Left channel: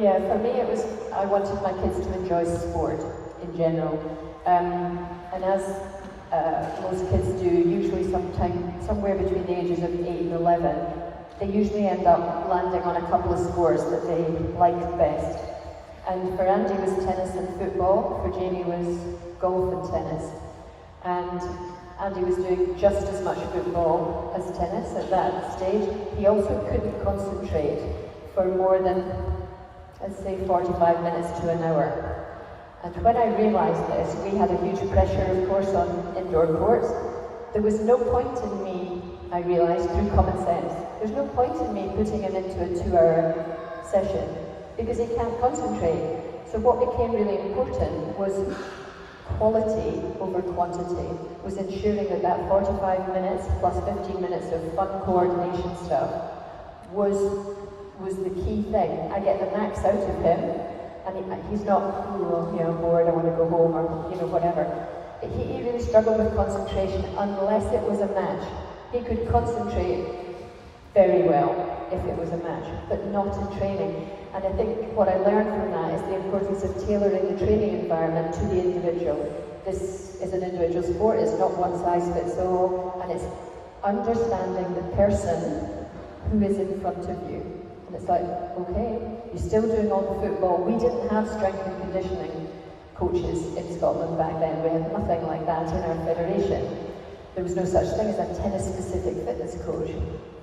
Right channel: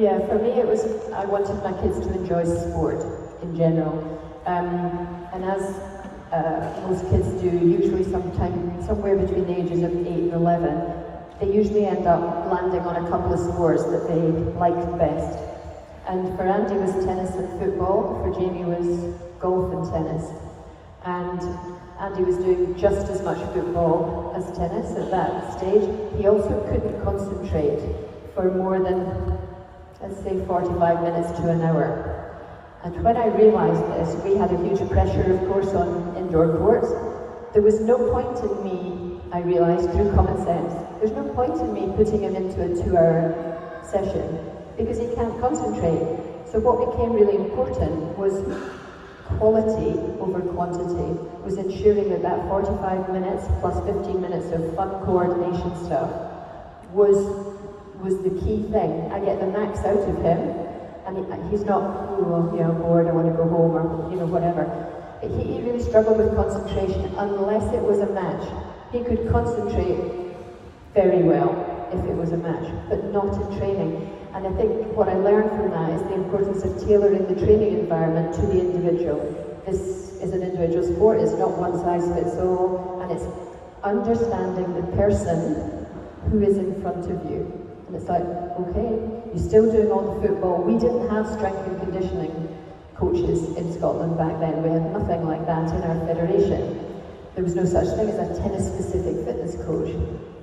Yeah, for me it was, I wanted my kids to enjoy sport in general. And as most kids do, usually somewhere between the ages of 8 and 11, they usually end up landing on a couple of sports that they like best. And for Andy it was tennis and football, for Jamie was golf and tennis. And Andy was doing just as much football as tennis at that stage. He also couldn't concentrate for more than, let's say, 45 minutes to an hour. And when I realised this, we had a huge pressure, of course, on indoor courts. There was no point in me, I realised through common sense, there's no point in me putting him into a 2-hour session because he can't concentrate. So what became really important was quality over quantity, was ensuring that that 45 minutes plus 15 minutes of fun coordination stuff was the key thing. I get the max out of him, and he's not, oh, you know, bored, I want to go home, or, you know, whatever. He really struggled with concentration unless it was a match. He could concentrate very well if it was a match, but not in training. And I think what I learned from that is the importance of tailoring the training environment to the individual. This is an individual sport, it's not one size fits all, and it's understanding the person who is in front of you. And it's like, okay, you're still doing all the football. We didn't have strength and conditioning coaches in Scotland back then. We had nothing like that in our federation. There was no such thing as a tennis-specific fitness coach.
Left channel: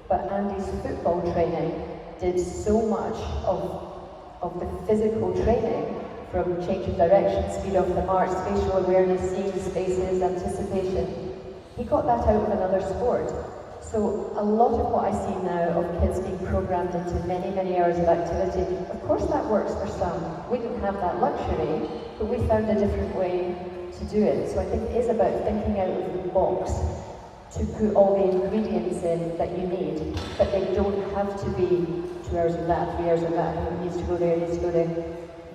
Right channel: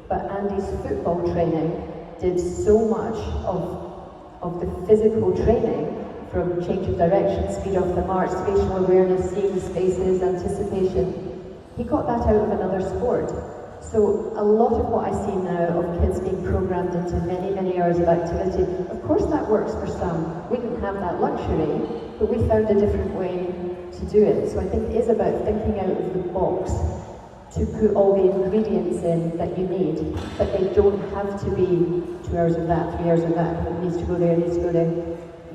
But Andy's football training did so much of the physical training, from change of direction, speed off the mark, spatial awareness, seeing the spaces, anticipation. He got that out of another sport. So a lot of what I see now of kids being programmed into many, many hours of activity, of course that works for some. We didn't have that luxury, but we found a different way to do it. So I think it is about thinking out of the box to put all the ingredients in that you need, but they don't have to be 2 hours of that, 3 hours of that, it needs to go there, it needs to go there.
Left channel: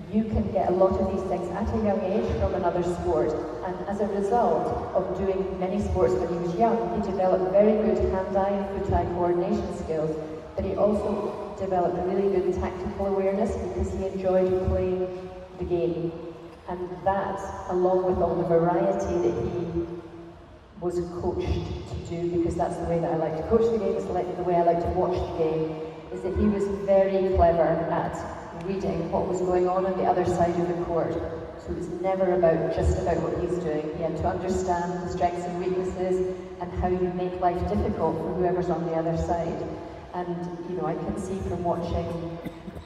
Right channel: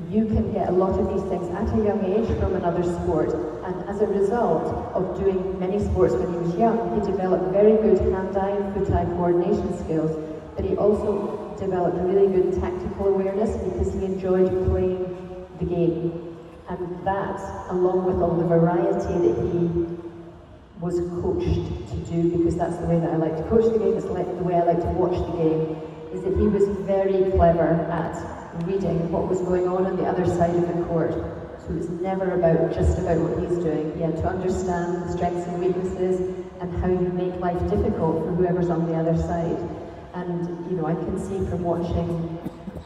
You can get a lot of these things at a young age from another sport, and as a result of doing many sports when he was young, he developed very good hand-eye and foot-eye coordination skills, but he also developed really good tactical awareness because he enjoyed playing the game. And that, along with all the variety that he was coached to do, because that's the way that I like to coach the game, it's like the way I like to watch the game, is that he was very clever at reading what was going on the other side of the court. So it was never just about what he's doing. He had to understand the strengths and weaknesses and how you make life difficult for whoever's on the other side. And you know, I can see from watching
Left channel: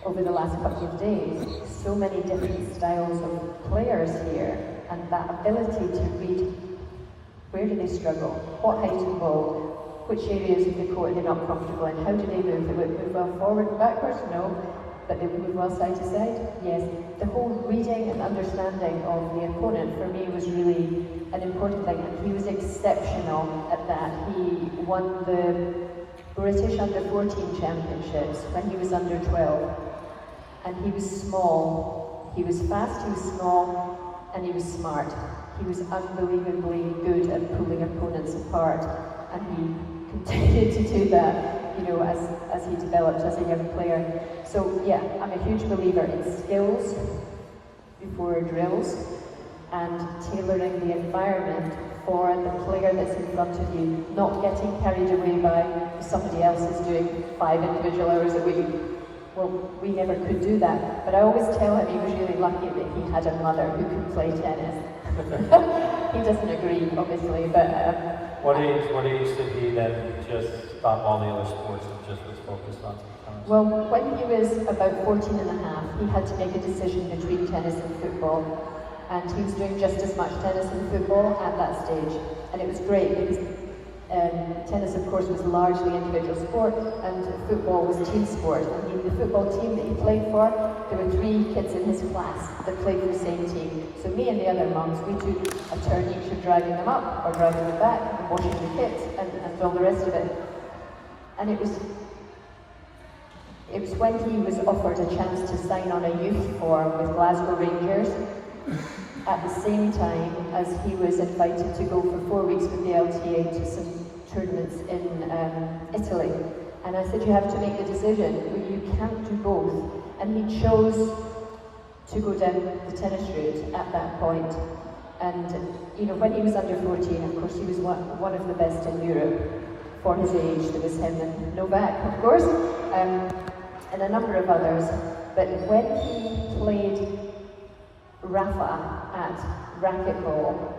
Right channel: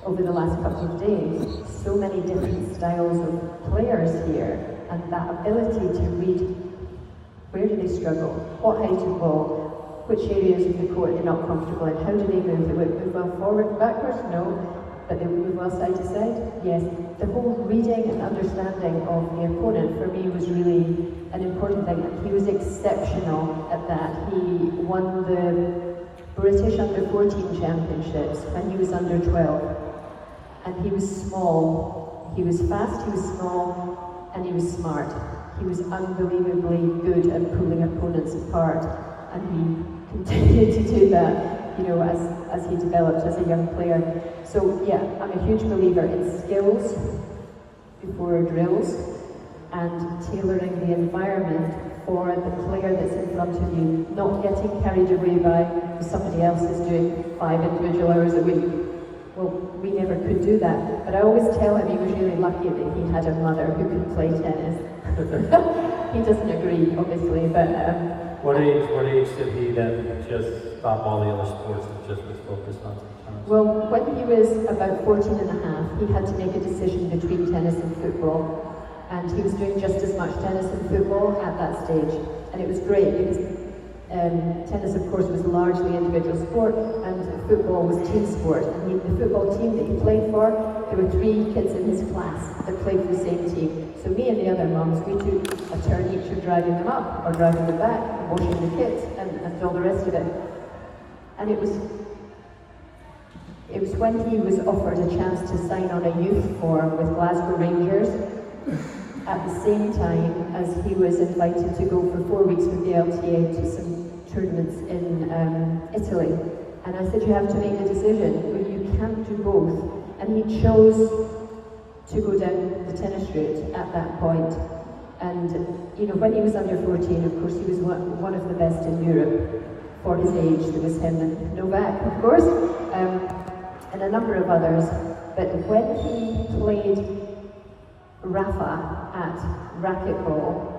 over the last couple of days so many different styles of players here, and that ability to read where do they struggle, what height of ball, which areas of the court they're not comfortable in, how do they move? They would move well forward, backwards? No. But they would move well side to side? Yes. The whole reading and understanding of the opponent for me was really an important thing, and he was exceptional at that. He won the British Under-14 Championships when he was under 12, and he was small. He was fast, he was small, and he was smart. He was unbelievably good at pulling opponents apart, and he continued to do that, you know, as he developed as a young player. So yeah, I'm a huge believer in skills before drills and tailoring the environment for the player that's in front of you, not getting carried away by somebody else is doing 5 individual hours a week. Well, we never could do that, but I always tell him he was really lucky that he had a mother who could play tennis. He doesn't agree, obviously, but... What age did he then just stop all the other sports and just was focused on tennis? Well, when he was about 14 and a half, he had to make a decision between tennis and football. And he was doing just as much tennis and football at that stage. And it was great because tennis, of course, was largely individual sport, and football was team sport. And the football team that he played for, there were 3 kids in his class that played for the same team. So me and the other mums, we took a turn each of driving them up or driving them back, washing the kits, and all the rest of it. And it was when he was offered a chance to sign on a youth form with Glasgow Rangers, at the same time as he was invited to go for 4 weeks with the LTA to some tournaments in Italy. And I said, you have to make the decision. You can't do both. and he chose to go down the tennis route at that point. And you know, when he was under 14, of course, he was one of the best in Europe for his age. There was him and Novak, of course, and a number of others. But when he played Rafa at racquetball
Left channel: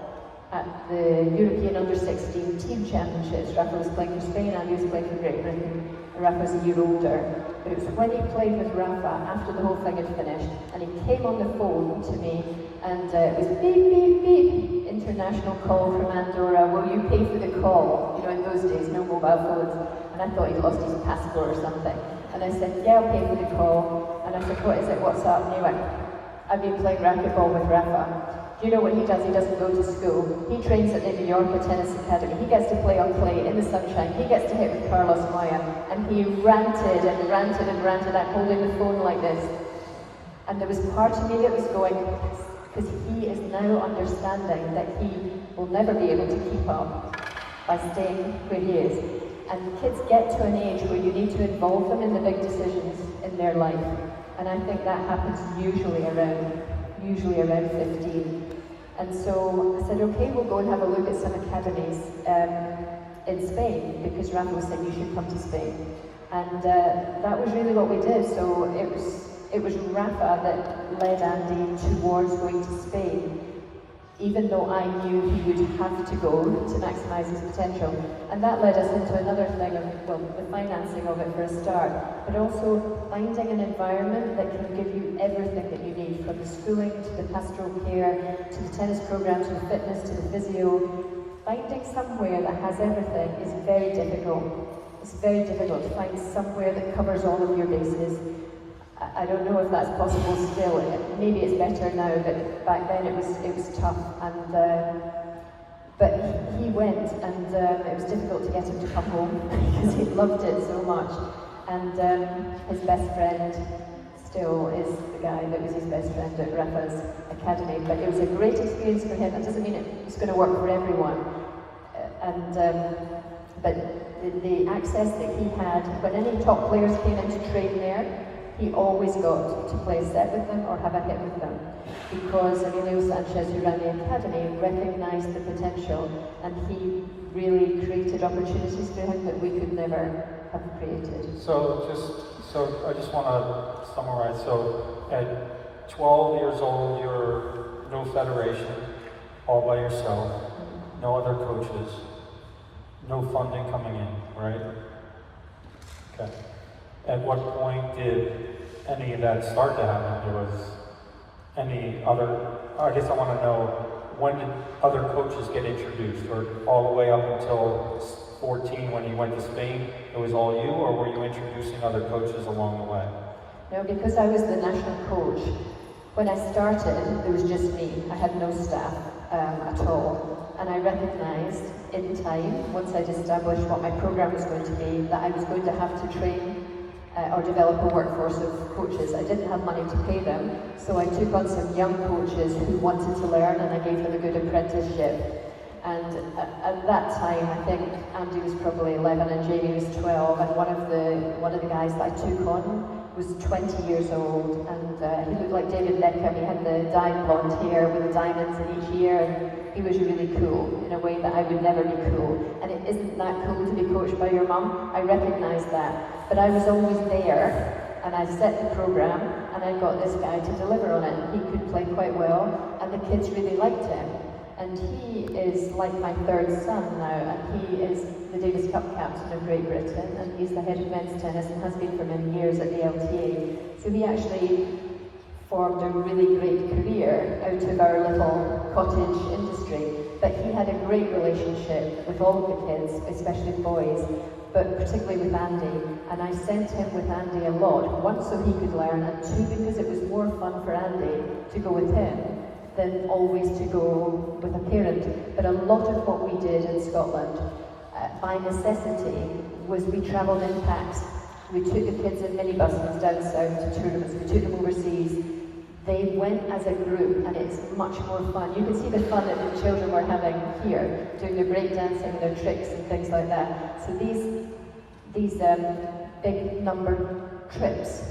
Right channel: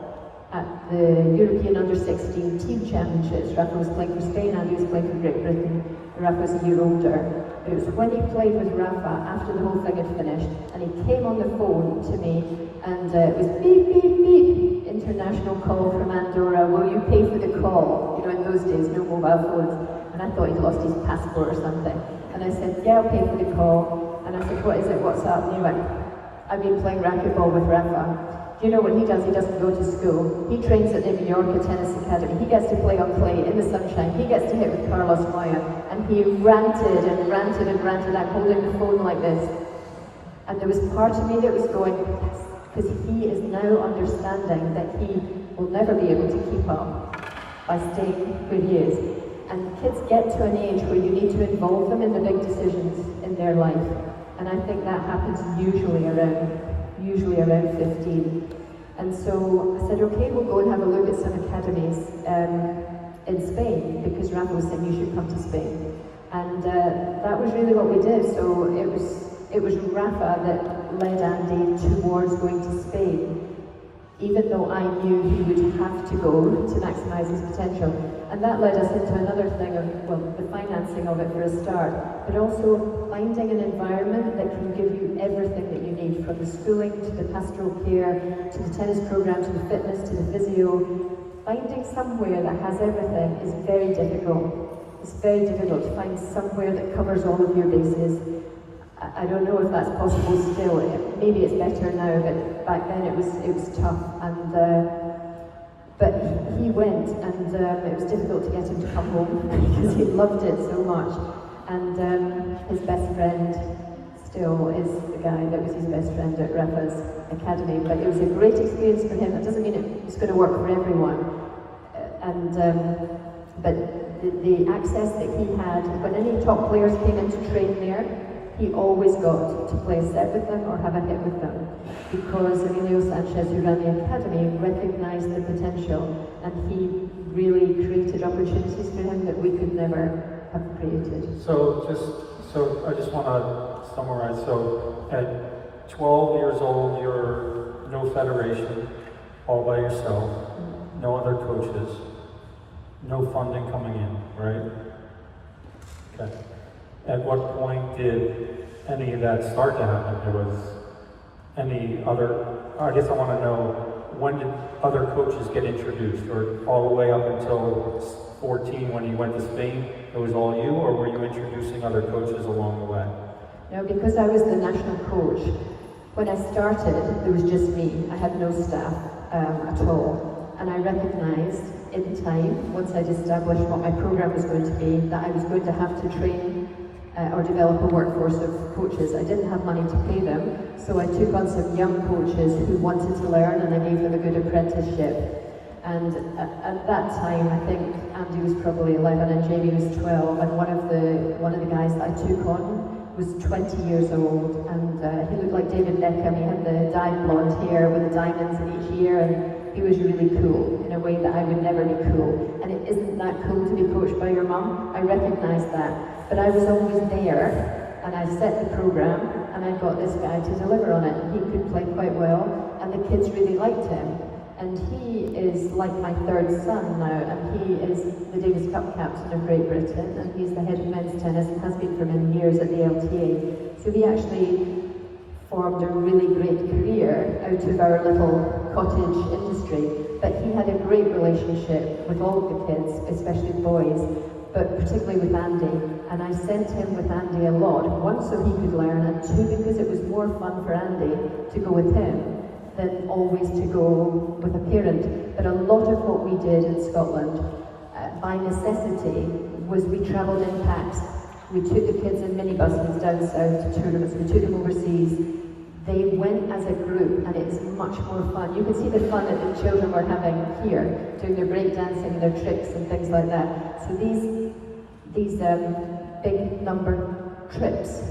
at the European Under-16 Team Championships, Rafa was playing for Spain and he was playing for Great Britain. Rafa was a year older. But it was when he played with Rafa after the whole thing had finished, and he came on the phone to me, and it was beep, beep, beep, international call from Andorra, will you pay for the call? You know, in those days, no mobile phones. And I thought he'd lost his passport or something. And I said, yeah, I'll pay for the call. And I said, what is it, what's up? And he went, I've been playing racquetball with Rafa. Do you know what he does? He doesn't go to school. He trains at the New York Tennis Academy. He gets to play on clay in the sunshine. He gets to hit with Carlos Maya. And he ranted and ranted and ranted. I'm holding the phone like this. And there was part of me that was going, yes, because he is now understanding that he will never be able to keep up by staying where he is. And kids get to an age where you need to involve them in the big decisions in their life. And I think that happens usually around 15. And so I said, okay, we'll go and have a look at some academies in Spain, because Rafa said you should come to Spain. And that was really what we did. So it was Rafa that led Andy towards going to Spain, even though I knew he would have to go to maximise his potential. And that led us into another thing of, well, the financing of it for a start, but also finding an environment that can give you everything that you need, from the schooling to the pastoral care, to the tennis program, to the fitness, to the physio. Finding somewhere that has everything is very difficult. It's very difficult to find somewhere that covers all of your bases. I don't know if that's possible still. Maybe it's better now, but back then it was tough. And but he went, and it was difficult to get him to come home because he loved it so much. And his best friend still is the guy that was his best friend at Rafa's academy. But it was a great experience for him. That doesn't mean it's going to work for everyone. But the access that he had, when any top players came in to train there, he always got to play a set with them or have a hit with them, because Emilio Sanchez, who ran the academy, recognised the potential, and he really created opportunities for him that we could never have created. So I just want to summarize. So at 12 years old, you're no federation, all by yourself, no other coaches, no funding coming in, right? Okay. At what point did any of that start to happen? There was any other, I guess I want to know, when did other coaches get introduced? Or all the way up until 14 when you went to Spain, it was all you, or were you introducing other coaches along the way? No, because I was the national coach. When I started, there was just me. I had no staff at all. And I recognised in time, once I'd established what my programme was going to be, that I was going to have to train or develop a workforce of coaches. I didn't have money to pay them, so I took on some young coaches who wanted to learn, and I gave them a good apprenticeship. And at that time, I think Andy was probably 11 and Jamie was 12, and one of the guys that I took on was 20 years old, and he looked like David Beckham. He had the dyed blonde hair with the diamonds in each ear, and he was really cool in a way that I would never be cool. And it isn't that cool to be coached by your mum. I recognise that. But I was always there, and I set the programme, and I got this guy to deliver on it. He could play quite well, and the kids really liked him. And he is like my third son now, and he is the Davis Cup captain of Great Britain, and he's the head of men's tennis and has been for many years at the LTA. So he actually formed a really great career out of our little cottage industry. But he had a great relationship with all of the kids, especially boys, but particularly with Andy. And I sent him with Andy a lot, one so he could learn, and two because it was more fun for Andy to go with him than always to go with a parent. But a lot of what we did in Scotland, by necessity, was we travelled in packs. We took the kids in minibuses down south to tournaments, we took them overseas. They went as a group, and it's much more fun. You can see the fun that the children were having here, doing their breakdancing and their tricks and things like that. So these big number trips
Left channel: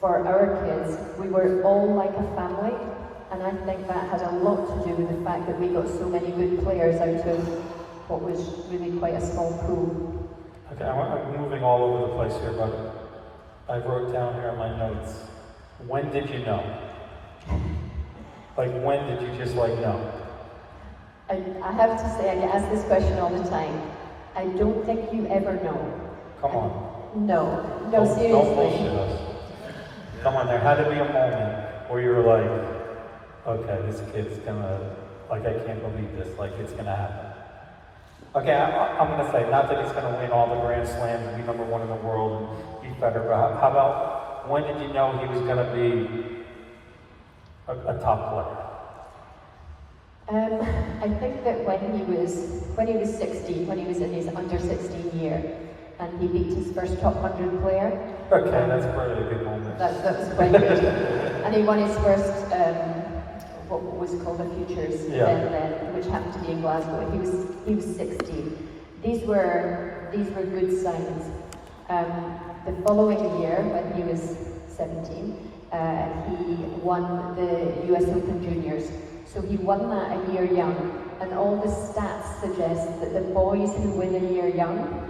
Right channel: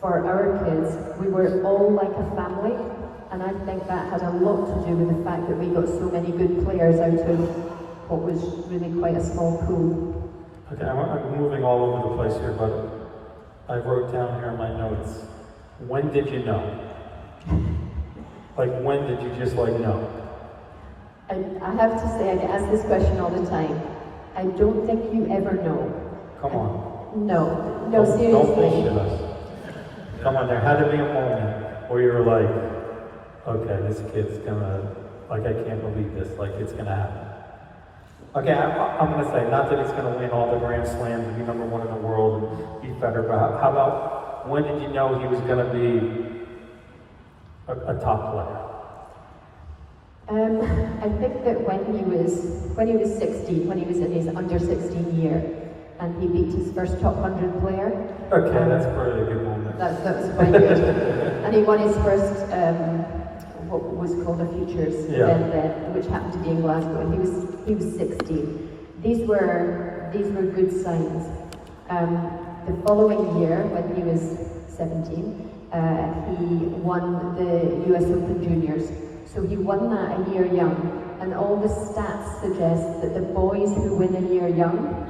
for our kids, we were all like a family, and I think that had a lot to do with the fact that we got so many good players out of what was really quite a small pool. Okay, I'm moving all over the place here, but I wrote down here in my notes, when did you know? Like, when did you just like know? I have to say, I get asked this question all the time. I don't think you ever know. Come on. No, Don't seriously. bullshit us. Come on, there had to be a moment where you were like, okay, this kid's gonna, like, I can't believe this, like, it's gonna happen. Okay, I'm gonna say, not that he's gonna win all the Grand Slams and be number one in the world and be better, but how about, when did you know he was gonna be a top player? I think that when he was 16, when he was in his under 16 year, and he beat his first top 100 player. Okay, that's probably a good moment. That was quite good. And he won his first, what was called the Futures event then, which happened to be in Glasgow, and he was 16. These were good signs. The following year, when he was 17, he won the US Open Juniors. So he won that a year young, and all the stats suggest that the boys who win a year young,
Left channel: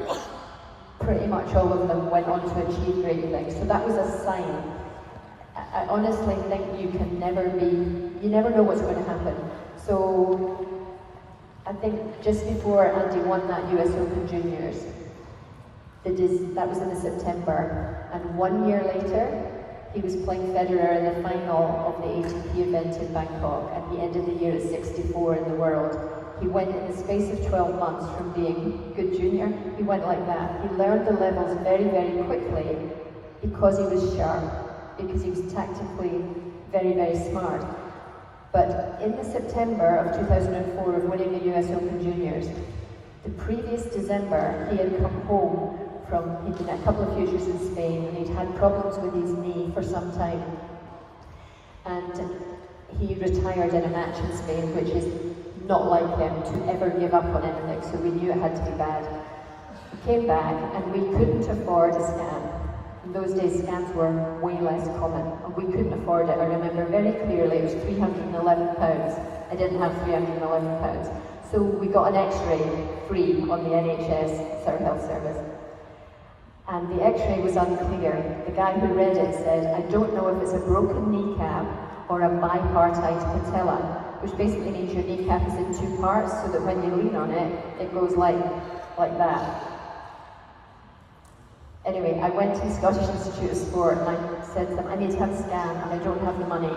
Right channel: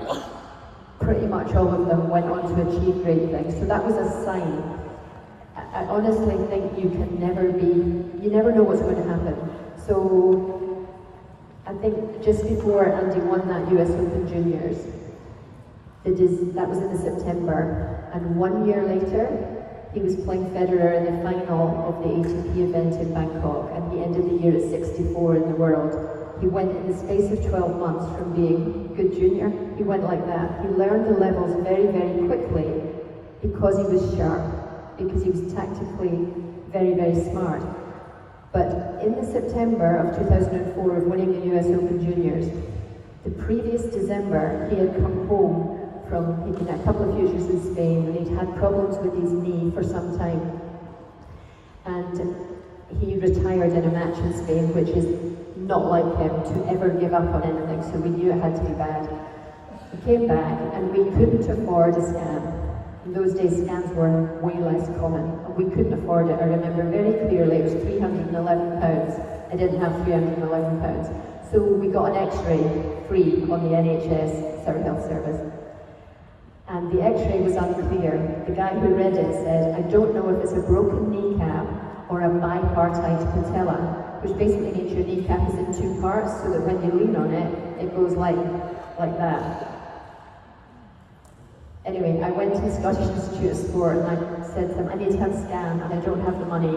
pretty much all of them went on to achieve great things. So that was a sign. I honestly think you never know what's going to happen. So I think just before Andy won that US Open Juniors, that was in the September, and 1 year later, he was playing Federer in the final of the ATP event in Bangkok, and he ended the year at 64 in the world. He went in the space of 12 months from being good junior, he went like that. He learned the levels very, very quickly because he was sharp, because he was tactically very, very smart. But in the September of 2004 of winning the US Open Juniors, the previous December, he had come home he'd been at a couple of futures in Spain, and he'd had problems with his knee for some time. And he retired in a match in Spain, which is not like him to ever give up on anything, so we knew it had to be bad. He came back, and we couldn't afford a scan. In those days, scans were way less common, and we couldn't afford it. I remember very clearly, it was £311. I didn't have £311. So we got an x-ray free on the NHS Surrey Health Service. And the x-ray was unclear. The guy who read it said, I don't know if it's a broken kneecap or a bipartite patella, which basically means your kneecap is in two parts, so that when you lean on it, it goes like that. Anyway, I went to the Scottish Institute of Sport and I said to them, I need to have a scan and I don't have the money.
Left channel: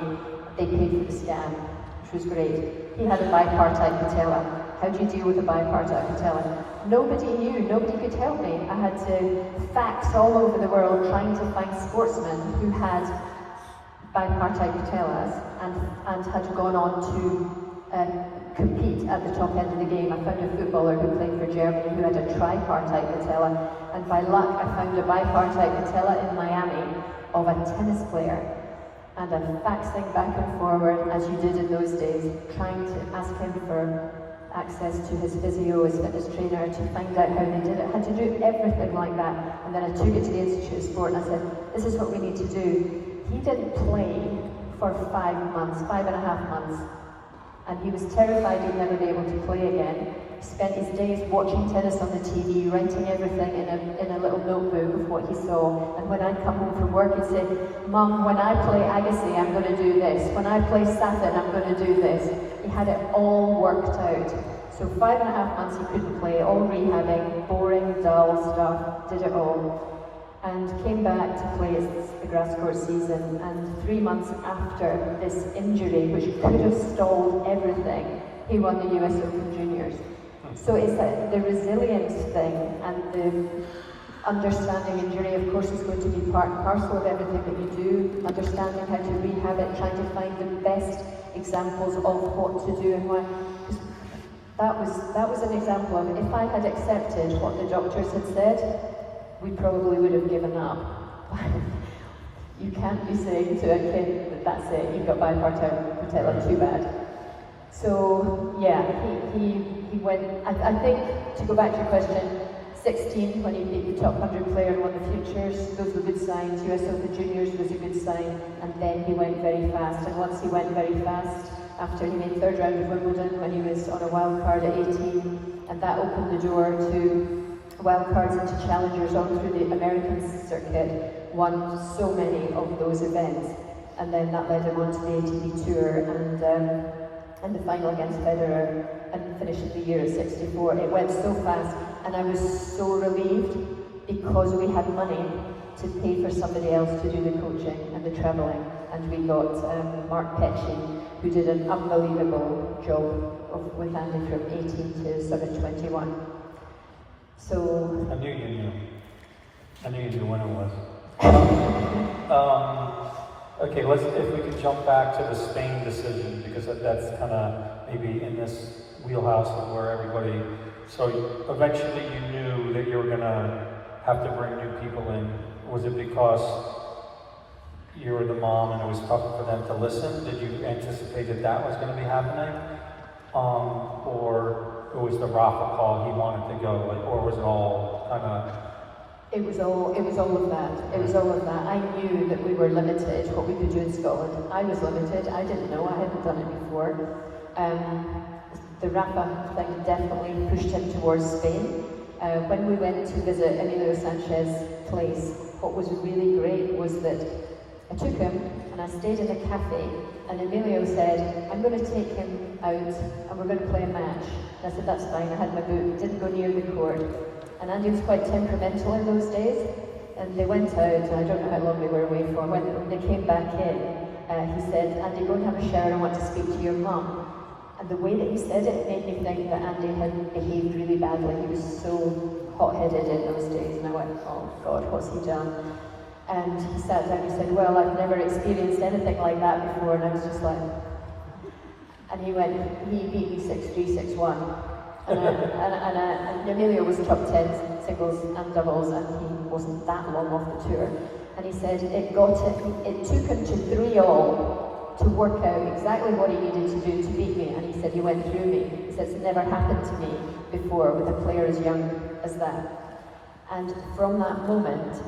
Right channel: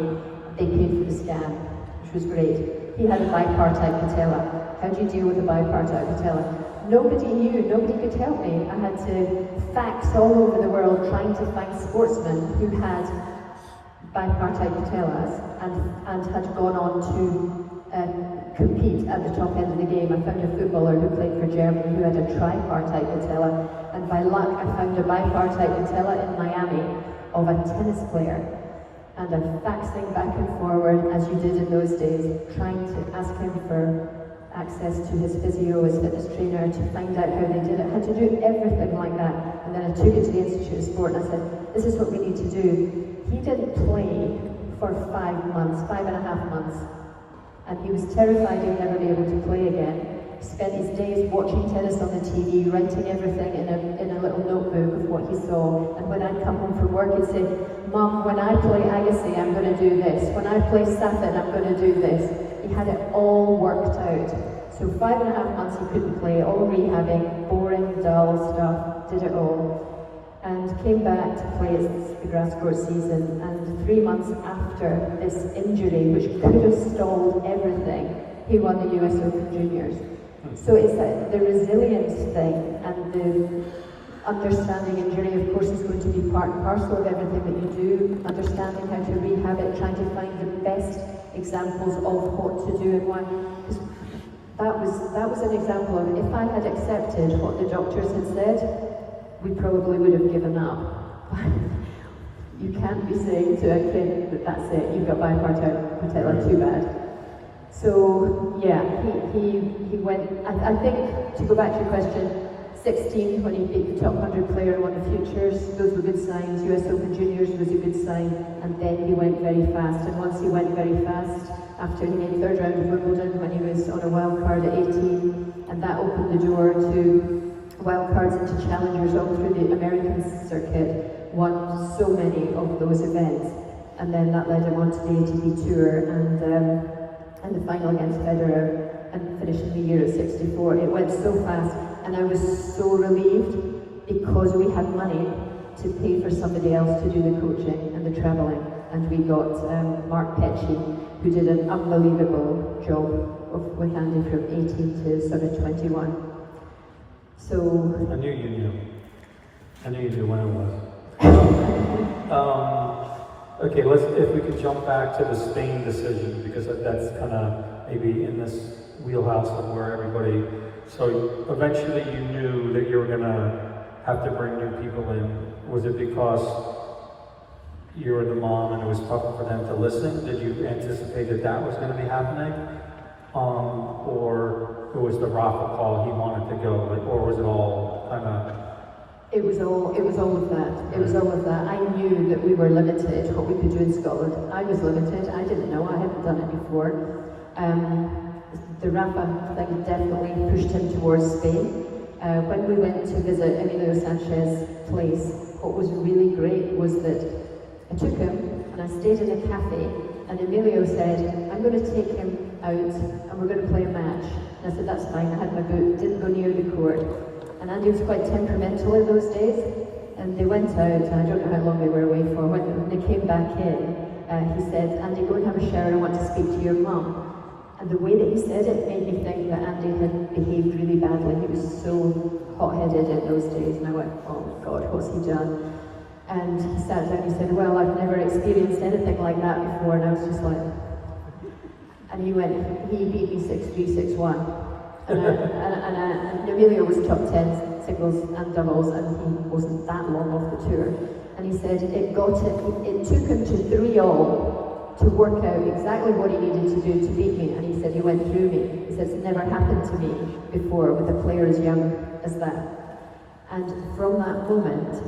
They paid for the scan, which was great. He had a bipartite patella. How do you deal with a bipartite patella? Nobody knew, nobody could help me. I had to fax all over the world trying to find sportsmen who had bipartite patellas and had gone on to compete at the top end of the game. I found a footballer who played for Germany who had a tripartite patella, and by luck I found a bipartite patella in Miami of a tennis player. And I faxing back and forward, as you did in those days, trying to ask him for access to his physio, his fitness trainer, to find out how they did it. I had to do everything like that. And then I took it to the Institute of Sport and I said, this is what we need to do. He didn't play for 5 months, 5.5 months. And he was terrified he'd never be able to play again. He spent his days watching tennis on the TV, writing everything in a little notebook of what he saw. And when I'd come home from work, he'd say, Mum, when I play Agassi, I'm going to do this. When I play Safin, I'm going to do this. He had it all worked out. So 5.5 months he couldn't play, all rehabbing, boring, dull stuff, did it all. And came back to play the grass court season. And 3 months after this injury, which could have stalled everything, he won the US Open Juniors. So it's the resilience thing, and the understanding injury, of course, is going to be part and parcel of everything that you do. Understanding how to rehab it, trying to find the best examples of what to do and why. That was an example of, if I had accepted what the doctors had said, we probably would have given up. You can't be saying to a kid that that's it, you've got bipartite patella, too bad. So yeah, he went. I think, to go back to your question, 16 when he beat the top 100 player and won the Futures. Those were good signs. US Open Juniors was a good sign, and then he went very fast. And once he went very fast, after he made third round of Wimbledon when he was on a wild card at 18, and that opened the door to wild cards into challengers all through the American circuit, won so many of those events, and then that led him on to the ATP Tour and the final against Federer, and finishing the year at 64. It went so fast, and I was so relieved because we had money to pay for somebody else to do the coaching and the travelling, and we got Mark Petchy, who did an unbelievable job with Andy from 18 to sort of 21. So I knew you knew. I knew you knew when it was. Okay, if we could jump back to the Spain decision, because that's kind of maybe in this wheelhouse of where everybody. So eventually you knew that you were going to have to bring new people in. Was it because you were the mom and it was tough for them to listen? Did you anticipate that was going to be happening? Or it was the Rafa call, he wanted to go, or was it all kind of? It was all of that. It was all of that. I knew that we were limited, what we could do in Scotland. I was limited. I didn't know. I hadn't done it before. The Rafa thing definitely pushed him towards Spain. When we went to visit Emilio Sanchez's place, what was really great was that I took him and I stayed in a cafe, and Emilio said, I'm going to take him out and we're going to play a match. And I said, that's fine. I had my boot, didn't go near the court. And Andy was quite temperamental in those days, and they went out, and I don't know how long they were away for. When they came back in, he said, Andy, go and have a shower, I want to speak to your mum. And the way that he said it made me think that Andy had behaved really badly. He was so hot-headed in those days, and I went, oh God, what's he done? And he sat down and he said, well, I've never experienced anything like that before, and I was just like, and he went, he beat me 6-3, 6-1. And Emilio was top 10 singles and doubles, and he wasn't that long off the tour. And he said it took him to 3-all to work out exactly what he needed to do to beat me. And he said he went through me. He says it's never happened to me before with a player as young as that. And from that moment,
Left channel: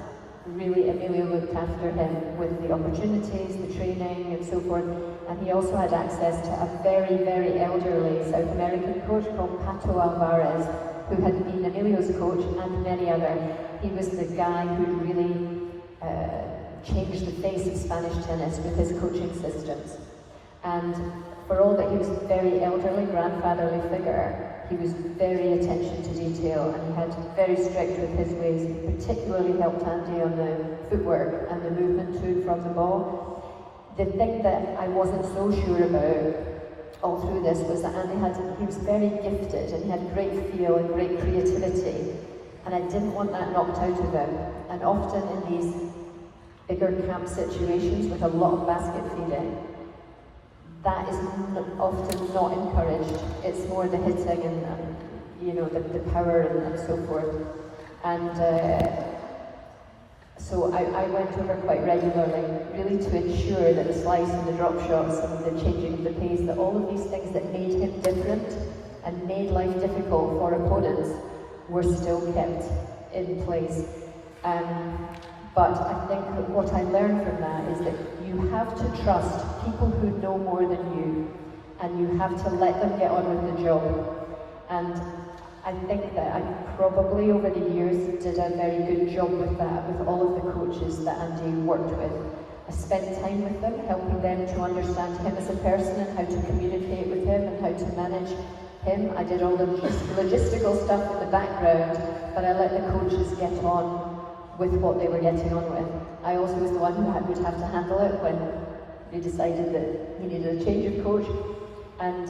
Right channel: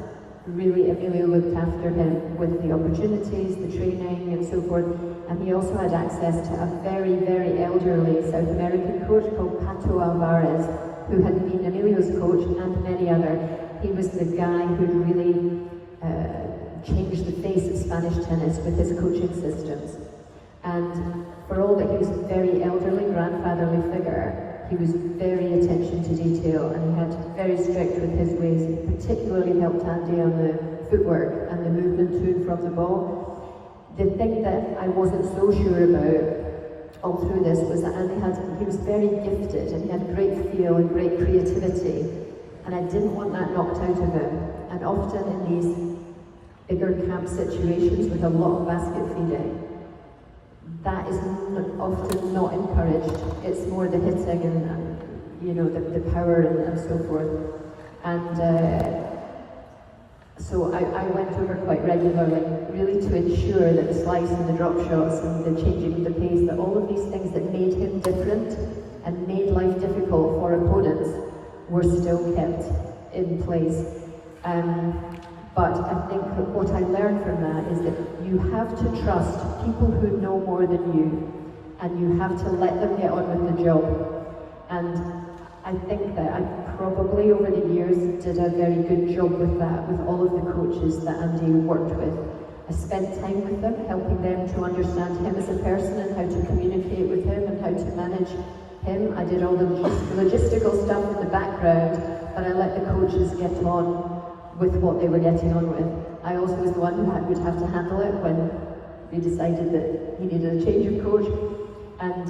really Emilio looked after him with the opportunities, the training and so forth, and he also had access to a very, very elderly South American coach called Pato Alvarez, who had been Emilio's coach and many other. He was the guy who really changed the face of Spanish tennis with his coaching systems. And for all that he was a very elderly, grandfatherly figure, he was very attention to detail, and he had very strict with his ways. He particularly helped Andy on the footwork and the movement to and from the ball. The thing that I wasn't so sure about all through this was that Andy he was very gifted, and he had great feel and great creativity, and I didn't want that knocked out of him. And often in these bigger camp situations with a lot of basket feeding, that is often not encouraged. It's more the hitting and you know, the power and so forth. And so I went over quite regularly, really to ensure that the slice and the drop shots and the changing of the pace, that all of these things that made him different and made life difficult for opponents were still kept in place. But I think that what I learned from that is that you have to trust people who know more than you, and you have to let them get on with the job. And I think that I probably over the years did a very good job with that, with all of the coaches that Andy worked with. I spent time with them, helping them to understand him as a person and how to communicate with him and how to manage him. I did all the logistical stuff in the background, but I let the coaches get on with what they were getting on with. I also was the one who would have to handle it when they decided that he needed a change of coach. And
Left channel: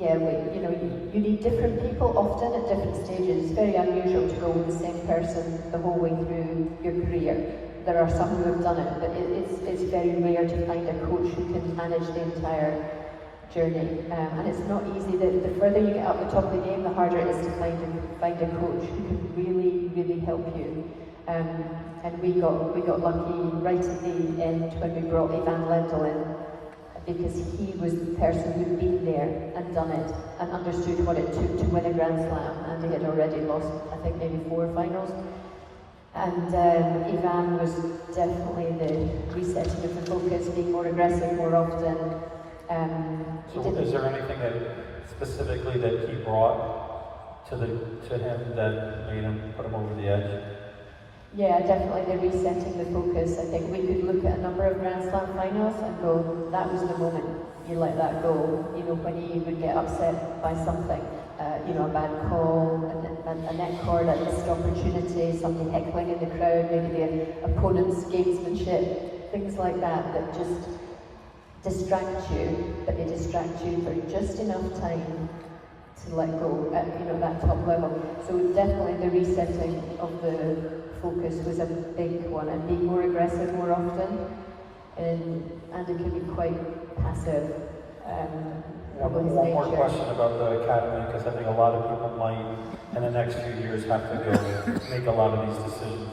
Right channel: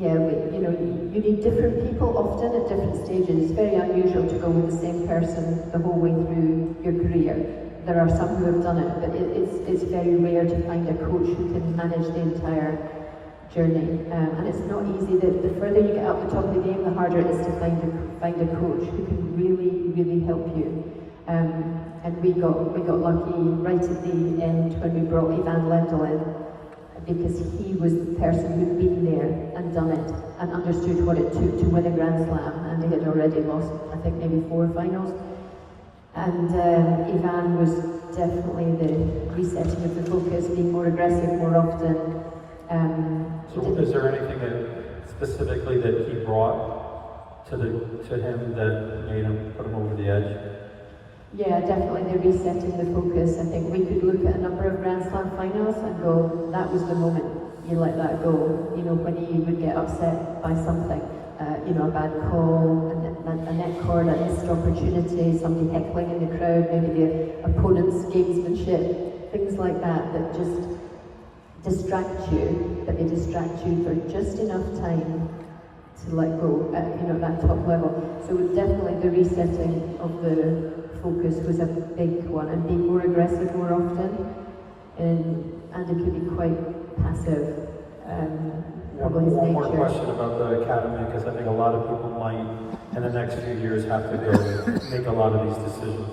you need different people often at different stages. It's very unusual to go with the same person the whole way through your career. There are some who have done it, but it's very rare to find a coach who can manage the entire journey. And it's not easy. The further you get up the top of the game, the harder it is to find a coach who can really, really help you. And we got lucky right at the end when we brought Ivan Lendl in, because he was the person who'd been there and done it and understood what it took to win a Grand Slam, and he had already lost, I think, maybe 4 finals. And Ivan was definitely the resetting of the focus, being more aggressive more often. So is there anything that specifically that he brought to him that made him put him over the edge? Yeah, definitely the resetting the focus. I think we could look at a number of Grand Slam finals and go, that was the moment you let that go. You know, when you would get upset by something, you know, a bad call, a net cord, a missed opportunity, somebody heckling in the crowd, maybe the opponent's gamesmanship, things like that that just distract you, but they distract you for just enough time to let go at, you know, that top level. So definitely the resetting of the focus was a big one, and being more aggressive more often, and it could be quite passive. One more question about the academy, because I think a lot of people might, in the next few years, have to go make a lot of these decisions.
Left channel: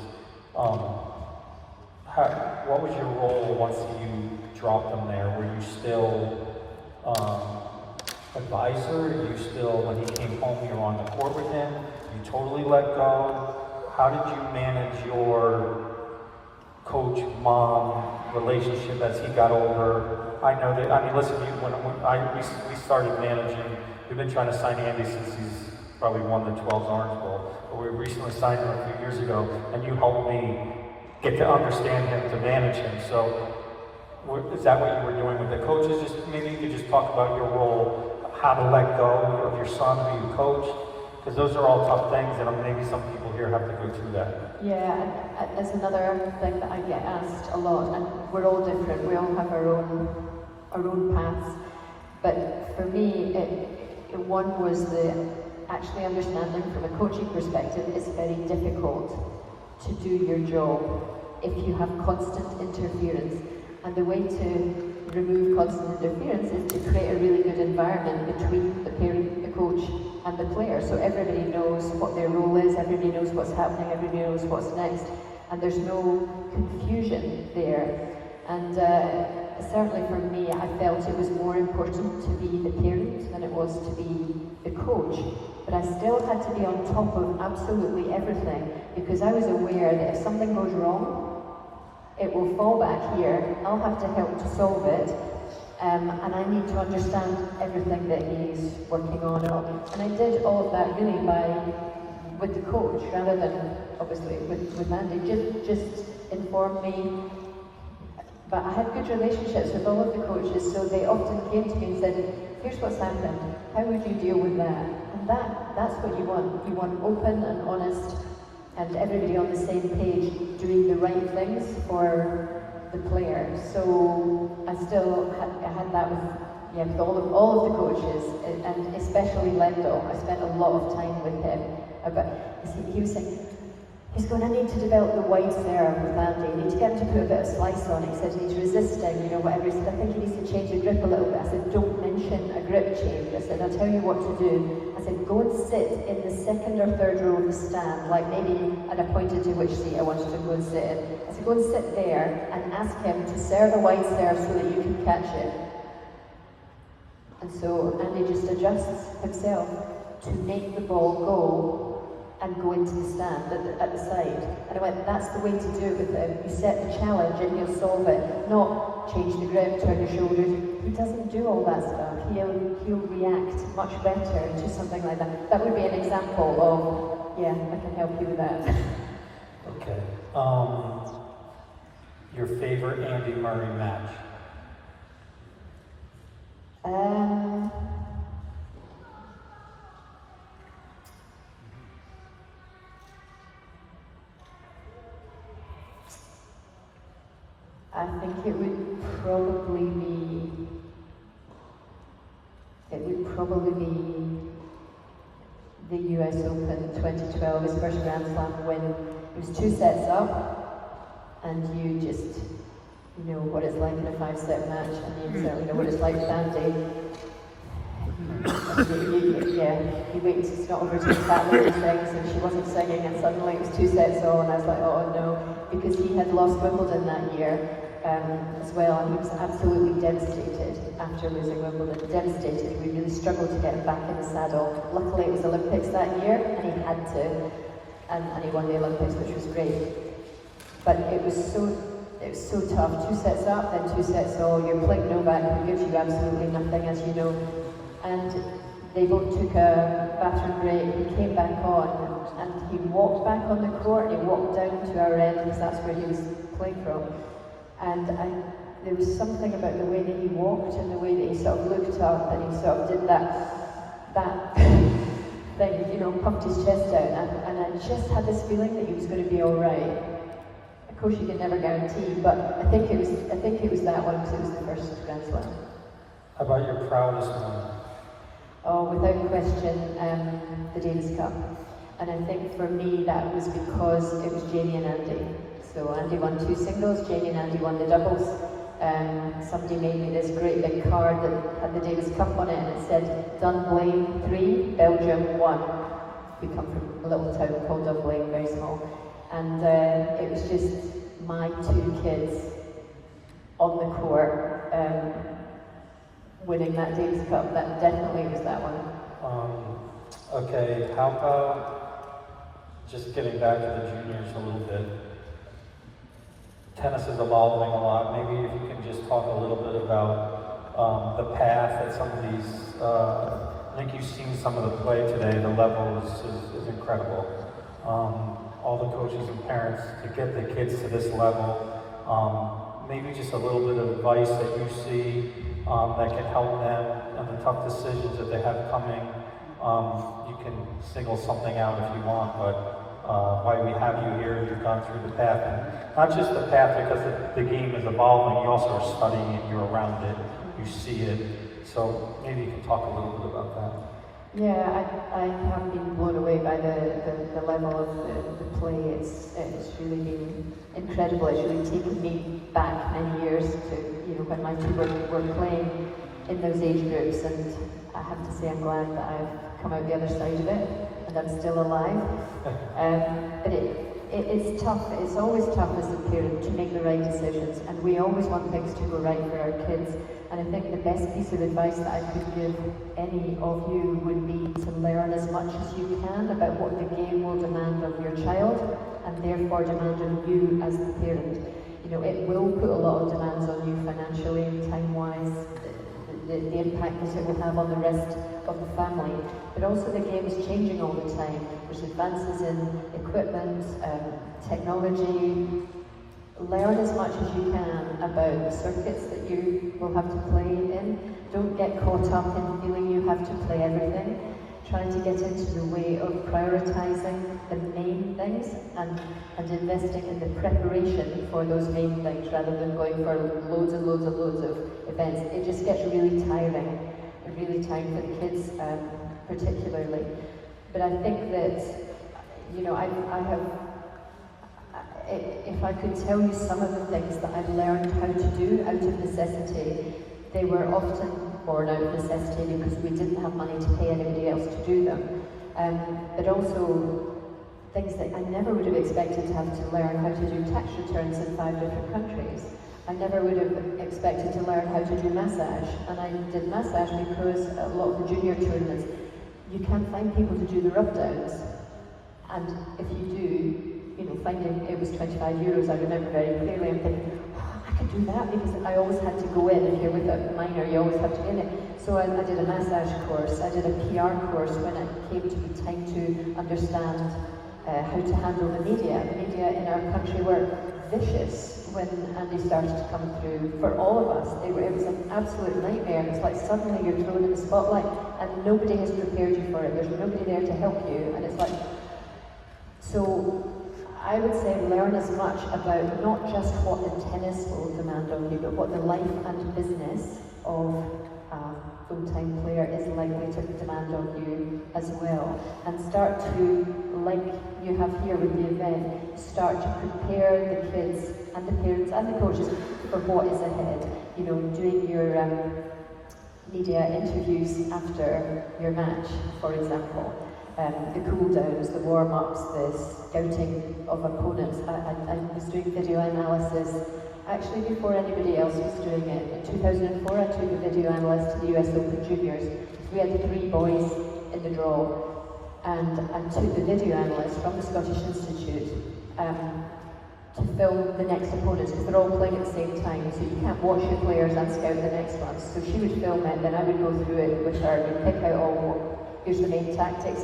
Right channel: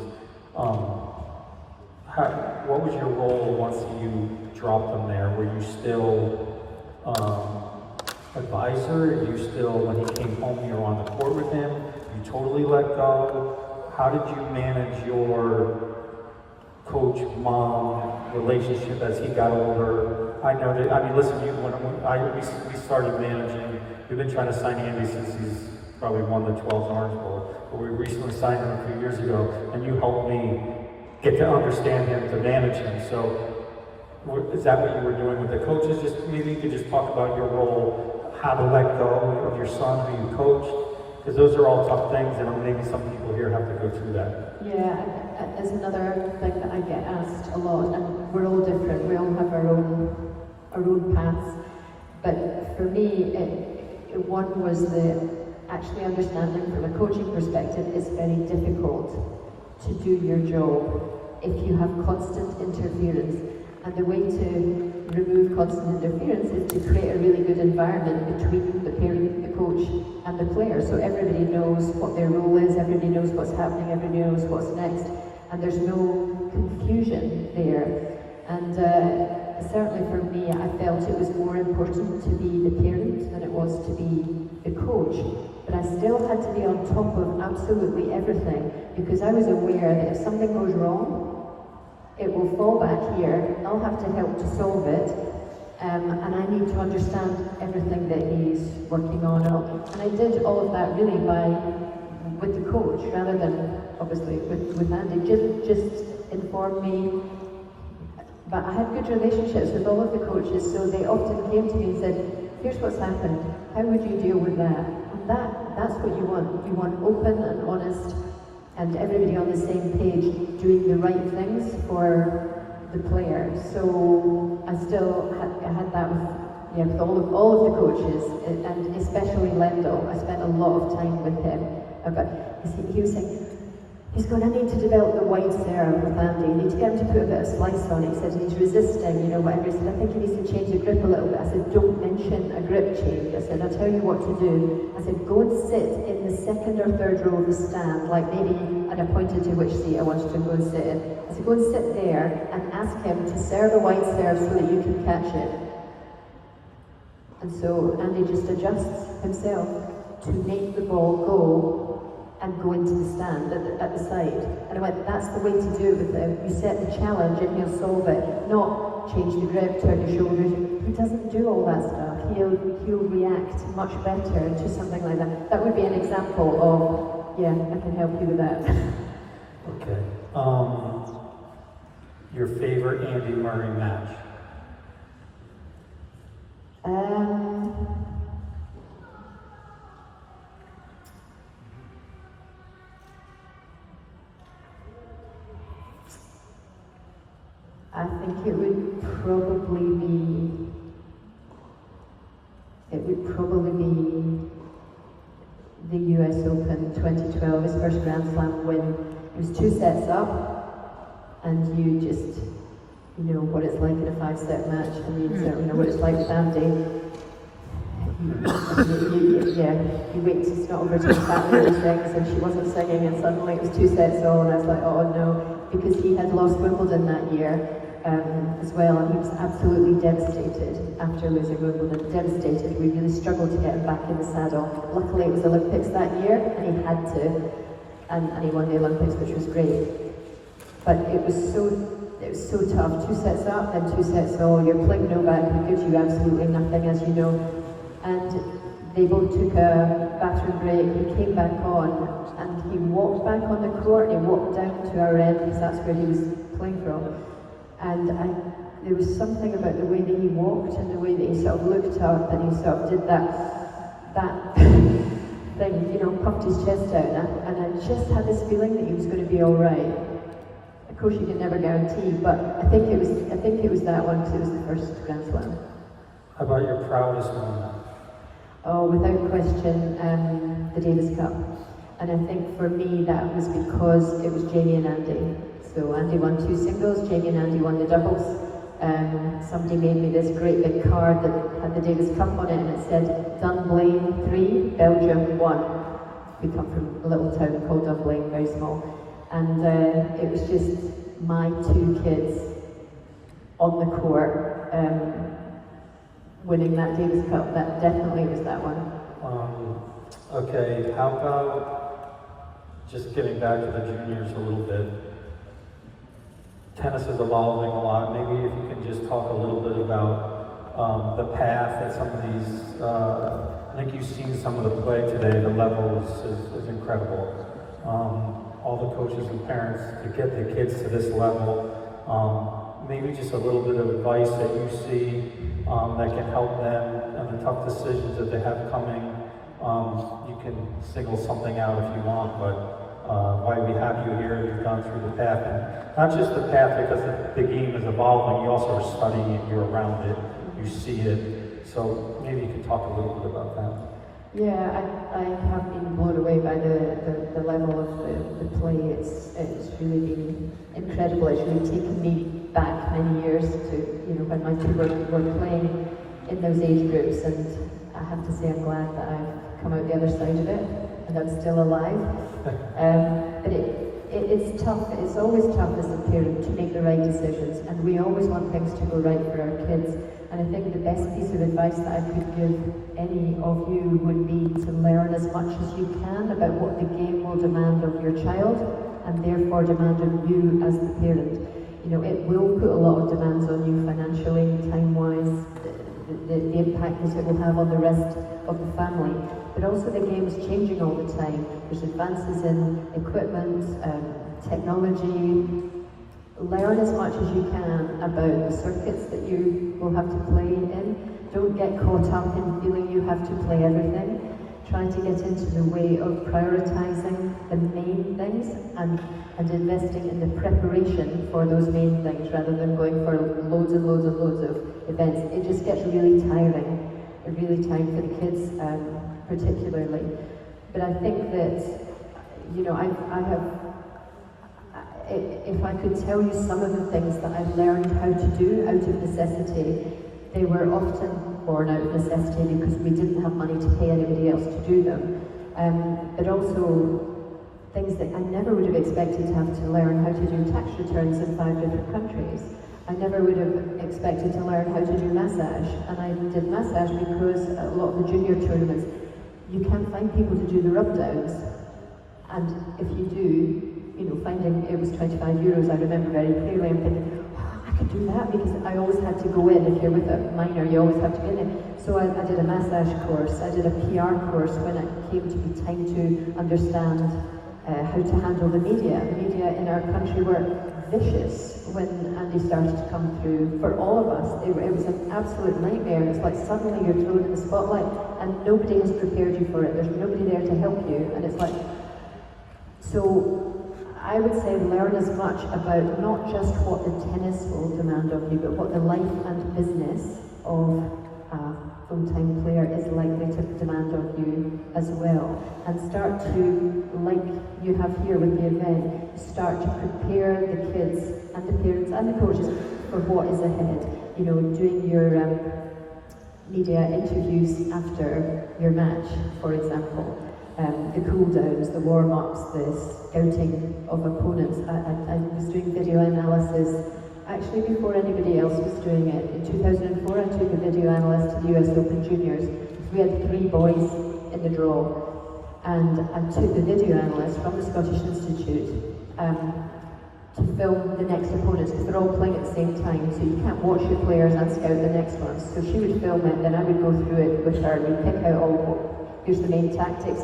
What was your role once you dropped them there? Were you still advisor? Are you still, when he came home, you were on the court with him? You totally let go? How did you manage your coach-mom relationship as he got older? I know that, I mean, listen, we started managing, we've been trying to sign Andy since he's probably won the 12's Orange Bowl, but we recently signed him a few years ago, and you helped me get to understand him, to manage him. So, is that what you were doing with the coaches? Just maybe you could just talk about your role, how to let go of your son who you coached, because those are all tough things, and maybe some people here have to go through that. Yeah, there's another thing that I get asked a lot, and we're all different. We all have our own paths. But for me, one was the actually understanding from a coaching perspective, it's very difficult to do your job if you have constant interference. And the way to remove constant interference is to create a really good environment between the parent, the coach, and the player. So everybody knows what their role is, everybody knows what's happening, everybody knows what's next, and there's no confusion there. And certainly for me, I felt it was more important to be the parent than it was to be the coach. But I still had to be on top of absolutely everything, because I was aware that if something goes wrong, it will fall back here, I'll have to help to solve it, and I need to understand everything that he's working on. And I did all of that really with the coach, rather than obviously with Andy. Just inform me. But I had good relationships with all of the coaches, so they often came to me and said, here's what's happened, how would you deal with that? And that's what you want. You want open and honest, and everybody on the same page, doing the right things for the player. So I still had that with all of the coaches, and especially Lendl. I spent a lot of time with him. But he was saying, he's going, I need to develop the wide serve with Andy. I need to get him to put a bit of slice on it. He said he's resisting, you know, whatever. He said, I think he needs to change the grip a little bit. I said, don't mention a grip change. I said, I'll tell you what to do. I said, go and sit in the second or third row of the stand, like maybe at a pointed to which seat I wanted to go and sit in. I said, go and sit there and ask him to serve a wide serve so that you can catch it. And so Andy just adjusts himself to make the ball go and go into the stand at the side. And I went, that's the way to do it with him. You set the challenge and he'll solve it, not change the grip, turn your shoulders. He doesn't do all that stuff. He'll react much better to something like that. That would be an example of, yeah, I can help you with that. Okay. Your favorite Andy Murray match? I think it would probably be the US Open 2012, his first Grand Slam win. It was 2 sets up, and you just, you know what it's like in a 5-set match, and you certainly know what it's like with Andy. You wait to start over to his family and sings, and she wasn't singing, and suddenly it was 2 sets on, and I was like, oh no, because he had lost Wimbledon that year. as well, and he was absolutely devastated after losing Wimbledon. Devastated. We really struggled to get him back in the saddle. Luckily, it was Olympics that year, and he had to, and he won the Olympics, which was great. But it was so tough. 2 sets up, then 2 sets all. You're playing Novak, who gives you absolutely nothing, as you know. And they both took a bathroom break. He came back on, and he walked back on the court. He walked down to our end, because that's where he was playing from. And there was something about the way that he walked and the way that he sort of looked up, and he sort of did that thing, you know, pumped his chest out, and I just had this feeling that he was going to be all right. Of course, you can never guarantee, but I think it was that one, because it was the first Grand Slam. How about your proudest moment? Oh, without question, the Davis Cup. And I think for me that was because it was Jamie and Andy. So Andy won 2 singles, Jamie and Andy won the doubles. Somebody made me this great big card that had the Davis Cup on it, and it said Dunblane 3, Belgium 1. We come from a little town called Dunblane, very small. And it was just my 2 kids on the court winning that Davis Cup. That definitely was that one. Okay, how about just getting back to the juniors a little bit? Tennis is evolving a lot. Maybe if you can just talk a little bit about the path that some of these, I think you've seen some of the play today, the level is incredible. All the coaches and parents to get the kids to this level, maybe just a little bit of advice that you see that can help them in the tough decisions that they have coming. You can single something out if you want, but why we have you here, you've gone through the path, and not just the path because the game is evolving, you also are studying it, you're around it, you see it, so maybe you can talk a little bit about that. Yeah, I have been blown away by the level of the play. It's really been incredible. It's really taken me back many years to, you know, when my 2 were playing in those age groups, and I have to say I'm glad that I've come out the other side of it, and I'm still alive. But it's tough. It's always tough as a parent to make the right decisions, and we always want things to go right for our kids. And I think the best piece of advice that I could give any of you would be to learn as much as you can about what the game will demand of your child, and therefore demand of you as the parent. You know, it will put a lot of demands on you financially, time-wise, the impact that it will have on the rest of the family. But also the game is changing all the time. There's advances in equipment, technology. Learn as much as you can about the circuits that you will have to play in. Don't get caught up in feeling you have to play everything. Trying to get into the way of prioritizing the main things and investing in the preparation for those main things rather than going for loads and loads and loads of events. It just gets really tiring for the kids particularly. But I think that, you know, if I could tell you some of the things that I've learned how to do out of necessity, they were often born out of necessity because we didn't have money to pay anybody else to do them. But also things that I never would have expected to have to learn how to do tax returns in 5 different countries. I never would have expected to learn how to do massage. And I did massage because a lot of the junior tournaments, you can't find people to do the rub downs. And if you do, you know, finding it was 25 euros, I remember very clearly, I'm thinking, I could do that because I always had to go in. If you're with a minor, you always have to be in it. So I did a massage course, I did a PR course when it came to be time to understand how to handle the media. The media in our country were vicious when Andy started to come through. For all of us, it was an absolute nightmare. It's like suddenly you're thrown in the spotlight and nobody has prepared you for it. There's nobody there to help you, and it's like, so I would say learn as much about not just what the tennis will demand of you, but what the life and business of a full-time player is likely to demand of you as well. And start to, like you have here with the event, start to prepare the kids and the parents and the coaches for what is ahead. You know, doing your media interviews after your match, for example. The cool downs, the warm-ups, the scouting of opponents. I was doing video analysis actually before anybody else was doing it. In 2004, I took a video analyst to the US Open Juniors. We had 3 boys in the draw, and I took the video analyst from the Scottish Institute to film the next opponents, because they're all playing at the same time, so you can't watch your players and scout the next ones. So she would film it, then I would go through it with her, we'd pick out here's the main tactics,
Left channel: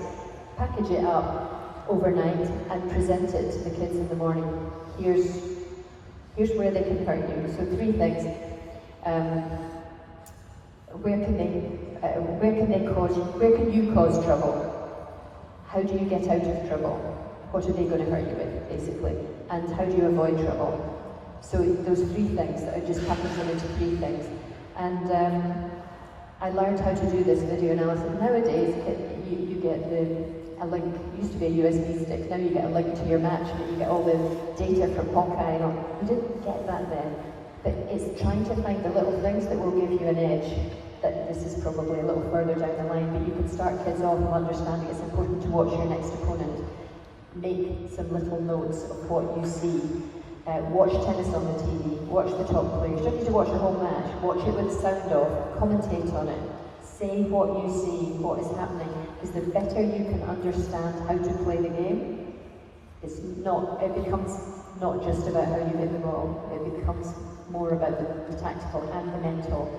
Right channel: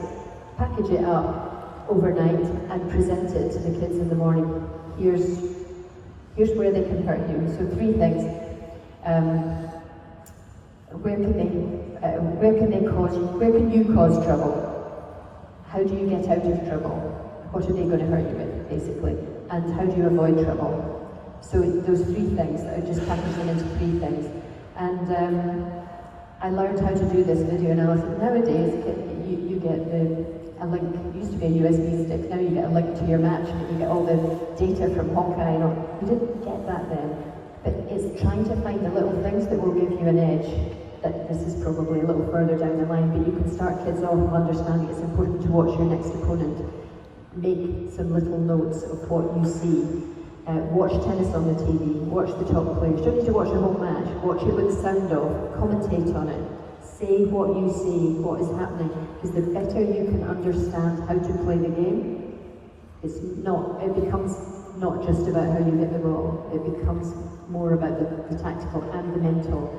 package it up overnight and present it to the kids in the morning. Here's where they can hurt you. So 3 things. Where can you cause trouble? How do you get out of trouble? What are they going to hurt you with, basically? And how do you avoid trouble? So those 3 things, I just packaged them into 3 things. And I learned how to do this video analysis. Nowadays, you get a link. It used to be a USB stick. Now you get a link to your match, and you get all the data from Hawkeye. You didn't get that then. But it's trying to find the little things that will give you an edge. That this is probably a little further down the line, but you can start kids off understanding it's important to watch your next opponent. Make some little notes of what you see. Watch tennis on the TV, watch the top players. You don't need to watch the whole match, watch it with the sound off, commentate on it. Say what you see, what is happening, because the better you can understand how to play the game, it becomes not just about how you hit the ball, it becomes more about the tactical and the mental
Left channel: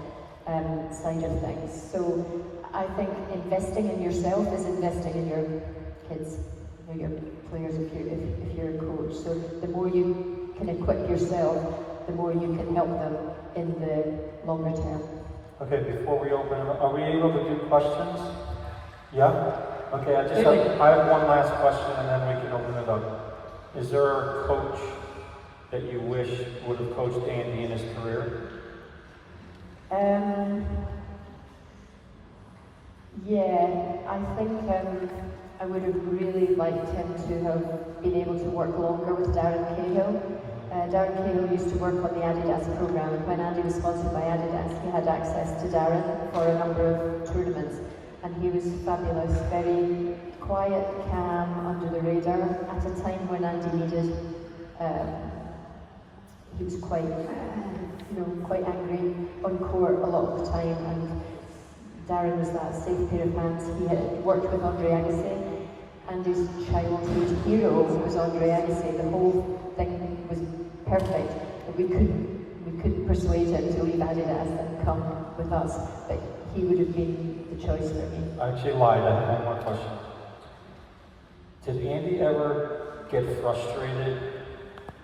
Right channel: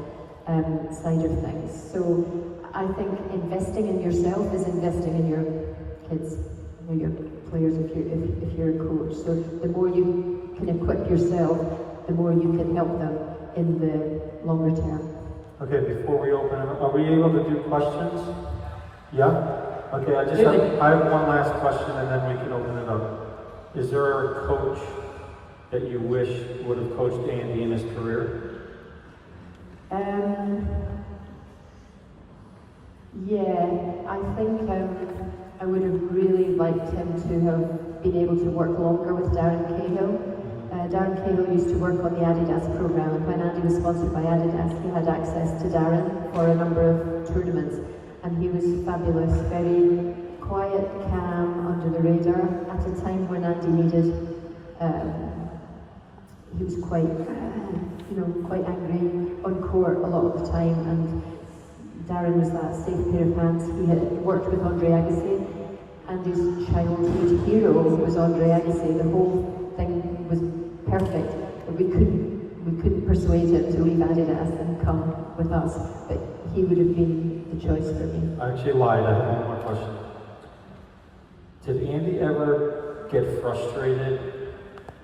side of things. So I think investing in yourself is investing in your kids, your players if you're a coach. So the more you can equip yourself, the more you can help them in the longer term. Okay, before we open up, are we able to do questions? Yeah? Okay, I have one last question and then we can open it up. Is there a coach that you wish would have coached Andy in his career? Yeah, I think I would have really liked him to have been able to work longer with Darren Cahill. Darren Cahill used to work on the Adidas program, and when Andy was sponsored by Adidas, he had access to Darren for a number of tournaments, and he was fabulous, very quiet, calm, under the radar, at a time when Andy needed, he was quite angry on court a lot of the time, and Darren was that safe pair of hands. He had worked with Andre Agassi, and his childhood hero was Andre Agassi. The whole thing was perfect, but we couldn't persuade him to leave Adidas and come with us. But he would have been the choice for me. I actually lied. I have one more question. Did Andy ever get frustrated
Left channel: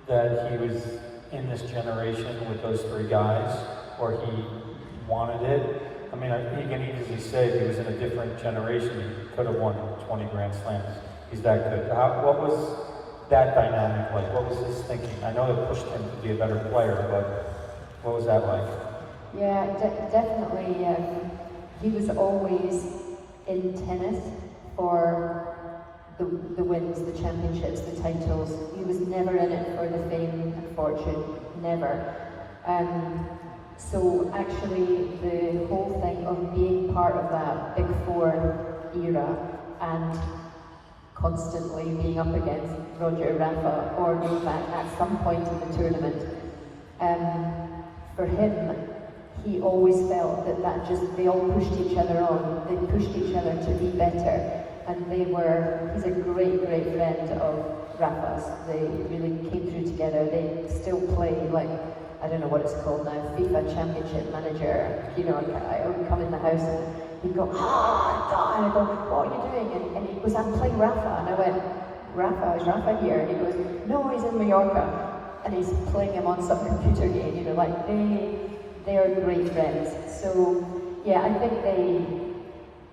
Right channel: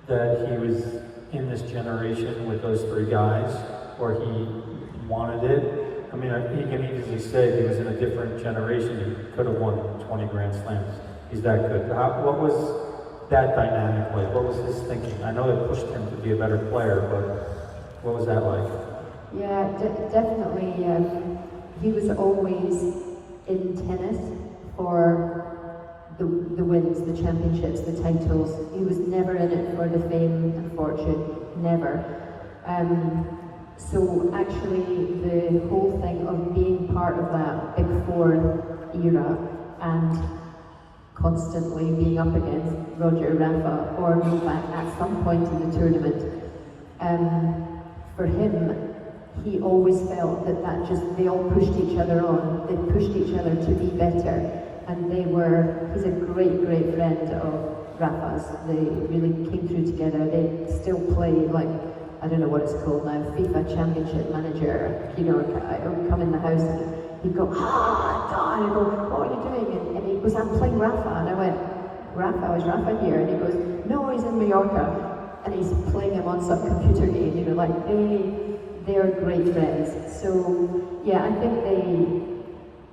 that he was in this generation with those 3 guys, or he wanted it? I mean, he can easily say if he was in a different generation, he could have won 20 Grand Slams. He's that good. What was that dynamic like? What was his thinking? I know it pushed him to be a better player, but what was that like? Yeah, definitely. He was always in tennis for the wins, the championships, the titles. He was never in it for the fame and fortune. Never. So actually, the whole thing of being part of that Big Four era and constantly being up against Roger, Rafa, or Novak at some point in the tournament, for him, he always felt that they all pushed each other on. They pushed each other to be better, and he's a great, great friend of Rafa's. They really came through together. They still play like, I don't know what it's called now, FIFA Championship Manager. You know, I would come in the house and he'd go, and I go, what are you doing? And he goes, I'm playing Rafa. And I went, Rafa, is Rafa here? And he goes, no, he's in Mallorca. And he's playing him on some computer game, you know, like they are great friends. So, yeah, I think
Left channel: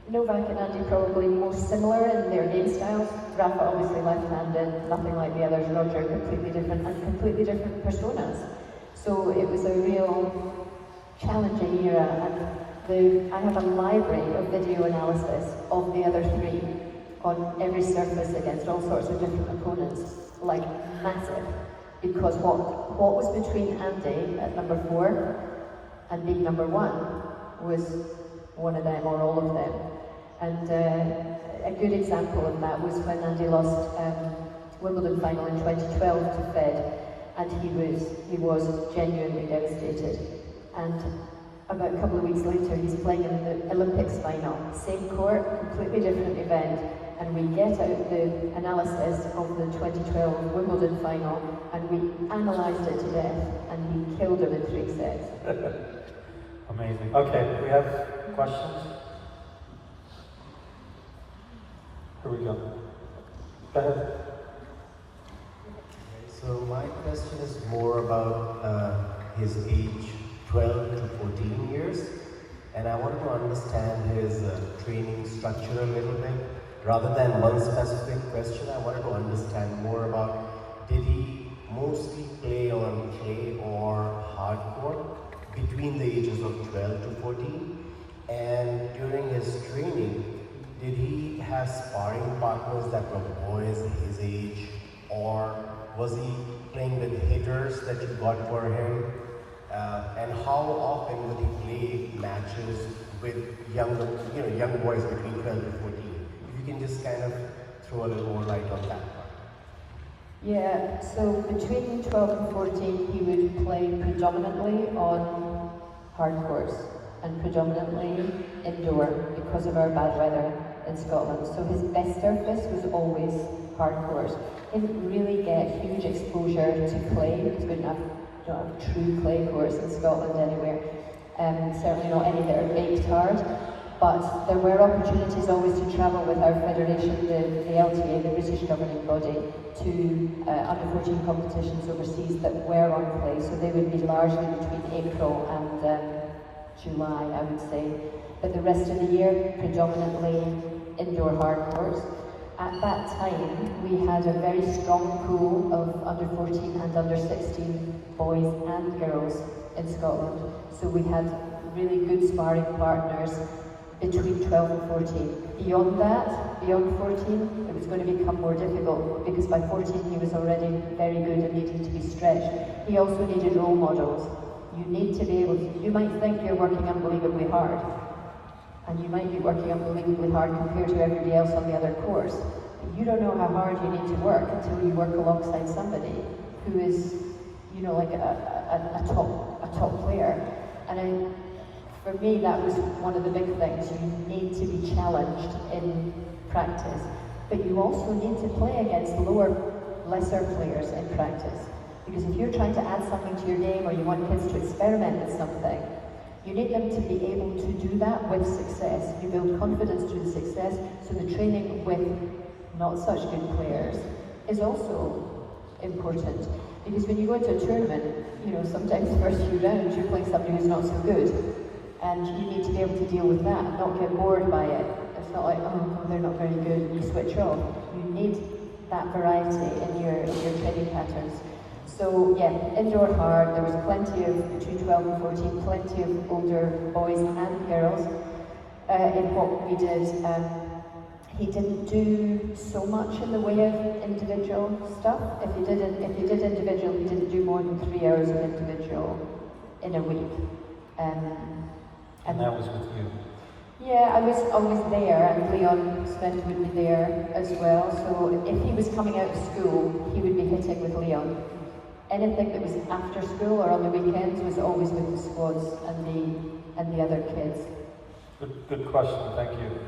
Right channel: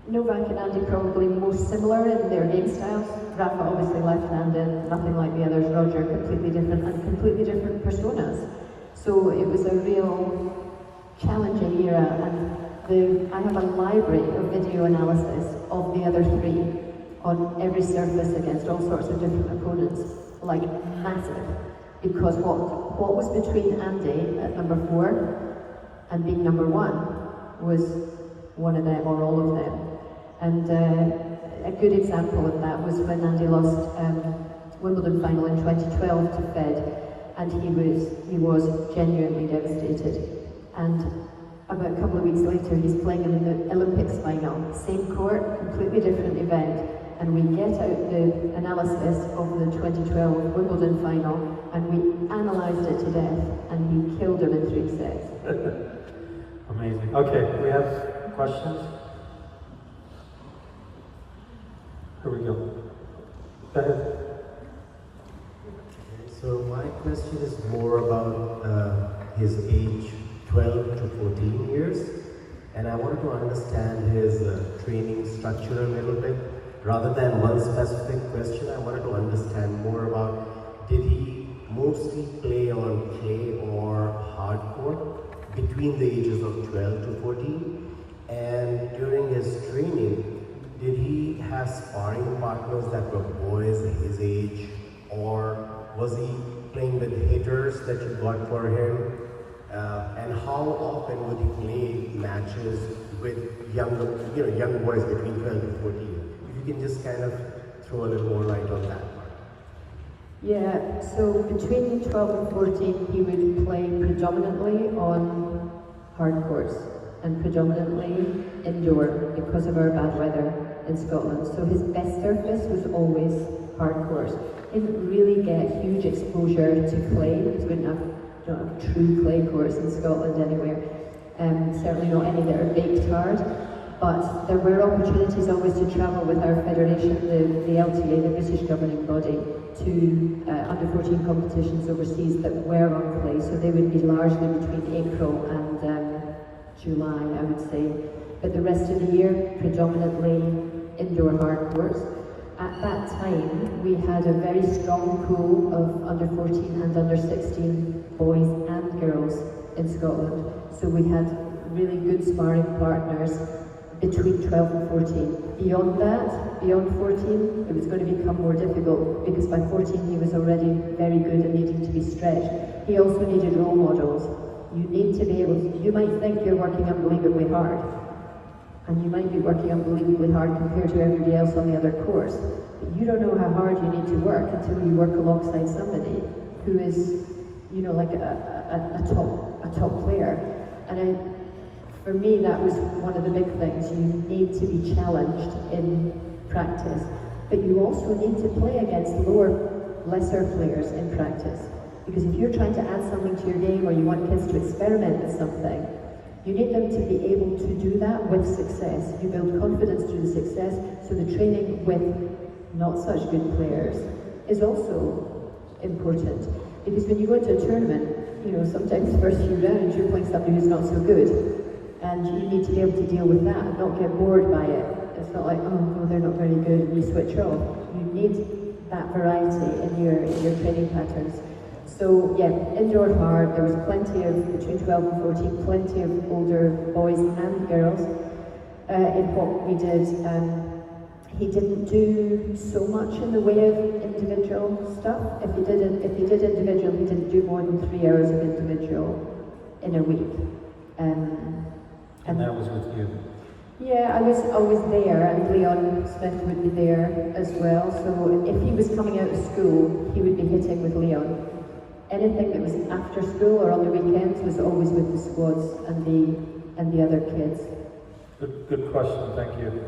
Novak and Andy probably most similar in their game styles. Rafa obviously left-handed, nothing like the others. Roger, completely different, and completely different personas. So it was a real challenging era, and I have a library of video analysis of the other 3 on every surface against all sorts of different opponents, like massive. Because what was between Andy at number 4 and being number 1 was one of them or all of them. And a good example of that was when Andy lost Wimbledon final in 2012 to Fed. and he was genuinely devastated. And about a couple of weeks later, he's playing in the Olympics final, same court, completely different event, and we get out the analysis of the 2012 Wimbledon final, and we analysed it to death, and he killed him in 3 sets. Amazing. Okay, we have questions? Here we go. Go ahead. So my question is more about his age, 12 to 14 years, and I wanted to understand his training structure a little bit. Rather than one specific question, I wanted to understand more about, did he mostly play on clay or hardcore between the ages of 12 to 14? And during his training, did he have sparring partners that were boys his age, or was he playing with hitters that you got for him? And how often would he play matches with young boys between 12 to 14? If you can just kind of throw a little more light on that. Yeah, so between 12 and 14, he would play predominantly on hard courts and predominantly indoor because of our bad weather in Scotland. So his best surface was always hard courts. He didn't really get huge exposure to clay because we didn't have true clay courts in Scotland anywhere. Certainly not any that are baked hard. But there were opportunities always to travel with our federation, the LTA, the British governing body, to under 14 competitions overseas that were on clay. So they would be largely between April and July, I would say. But the rest of the year, predominantly indoor hard courts. At that time, we had a very strong pool of under 14 and under 16 boys and girls in Scotland. So we had really good sparring partners between 12 and 14. Beyond that, beyond 14, it was going to become more difficult because by 14 he was already very good and needing to be stretched. He also needed role models. You need to be able to, you might think you're working unbelievably hard, and you might be working unbelievably hard compared to everybody else on the other course, but you don't know how hard you need to work until you work alongside somebody who is, like a top player. And for me, that was one of the big things. You need to be challenged in practice, but you also need to play against lesser players in practice. Because if you're trying to add something to your game or you want kids to experiment with something, you need them to be able to do that with success. You build confidence through the success, so the training with not such good players is also important. Because when you go into a tournament, sometimes the first few rounds you're playing somebody who's not so good. And you need to be able to deal with that and not get bored by it. It's not like, oh, they're not very good, and you switch off. You need that variety in your training patterns. So yeah, indoor hard, there was plenty of, between 12 and 14, plenty of older boys and girls in what we did. He didn't do so much in the way of individual stuff. If he did individual, he didn't do more than 3 hours of individual in a week. And that was with you? Yeah, I was always there, and Leon Smith would be there as well. So if he was coming out of school, he would be hitting with Leon. Anything that was after school or on the weekends was always with the squads and the other kids. Good question, thank you.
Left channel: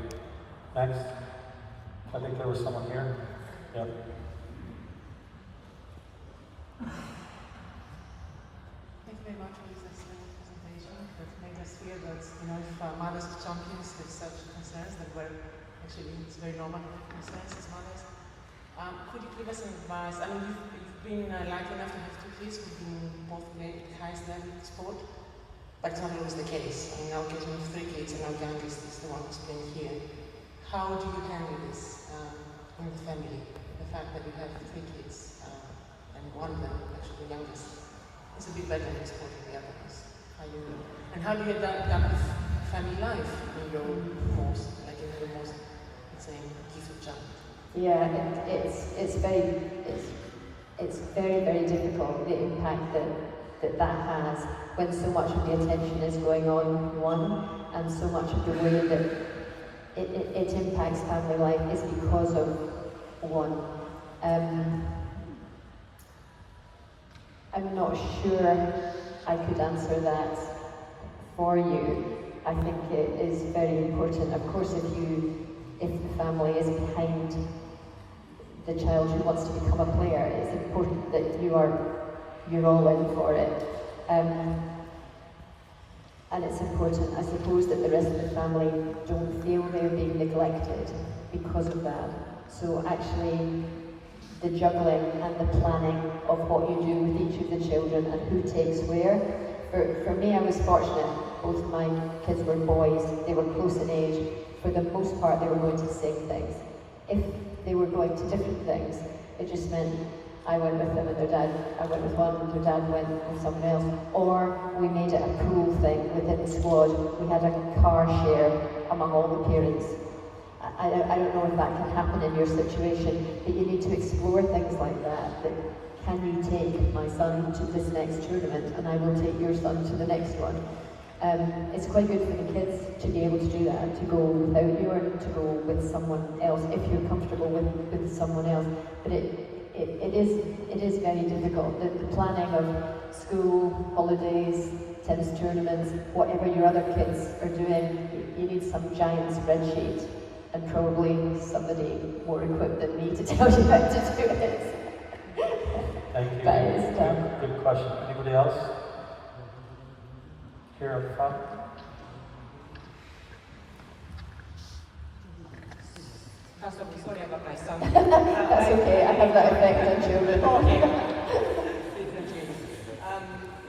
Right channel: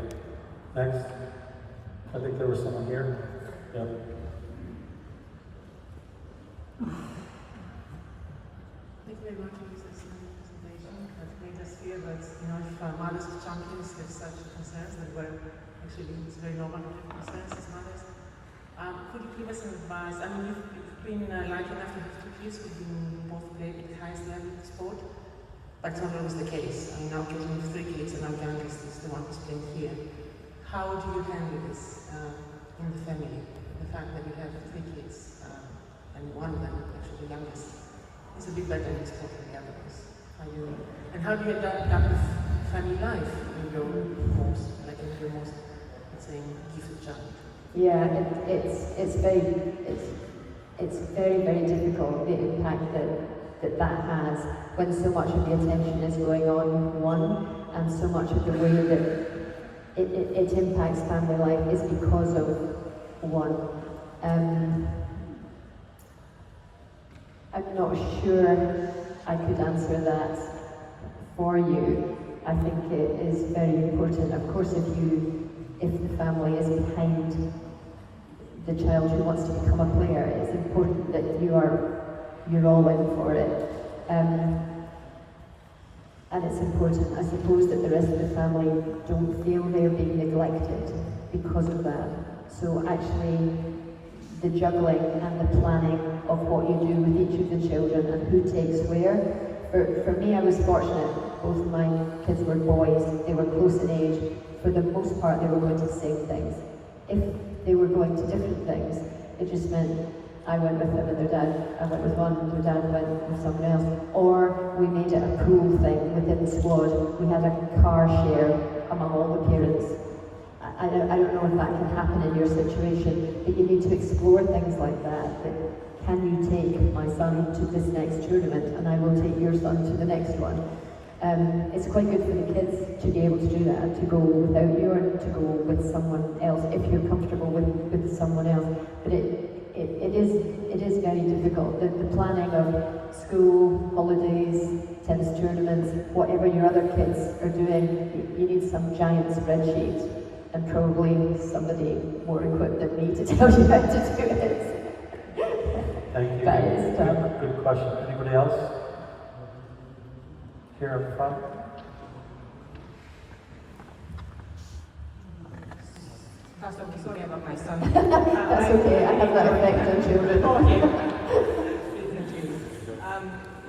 Next. I think there was someone here. Yeah. Thank you very much for this excellent presentation. That made us feel that, if mothers of champions have such concerns, that were actually, it's very normal concerns as mothers. Could you give us some advice? I mean, you've been lucky enough to have 2 kids who've been both played at the highest level of sport, but it's not always the case. I mean, our kids have 3 kids, and our youngest is the one who's playing here. How do you handle this in the family? The fact that you have 3 kids, and one of them, actually the youngest, is a bit better in sport than the others. How do you adapt with family life in your most, let's say, gifted child? Yeah, it's very, very difficult, the impact that has when so much of the attention is going on one, and so much of the way that it impacts family life is because of one. I'm not sure I could answer that for you. I think it is very important. Of course, if the family is behind the child who wants to become a player, it's important that you're all in for it. And it's important, I suppose, that the rest of the family don't feel they're being neglected because of that. So actually, the juggling and the planning of what you do with each of the children and who takes where. For me, I was fortunate. Both of my kids were boys. They were close in age. For the most part, they were going to the same things. If they were going to different things, it just meant I went with them and their dad. I went with one, their dad went with someone else. Or we made it a cool thing within the squad. We had a car share among all the parents. I don't know if that can happen in your situation, but you need to explore things like that. Can you take my son to this next tournament and I will take your son to the next one? It's quite good for the kids to be able to do that, to go without you or to go with someone else if you're comfortable with someone else. But it is very difficult. The planning of school, holidays, tennis tournaments, whatever your other kids are doing, you need some giant spreadsheet and probably somebody more equipped than me to tell you how to do it. Thank you. But it's Good question. Anybody else? Here up front. First of all, sorry about my son. That's okay, I have that effect on children.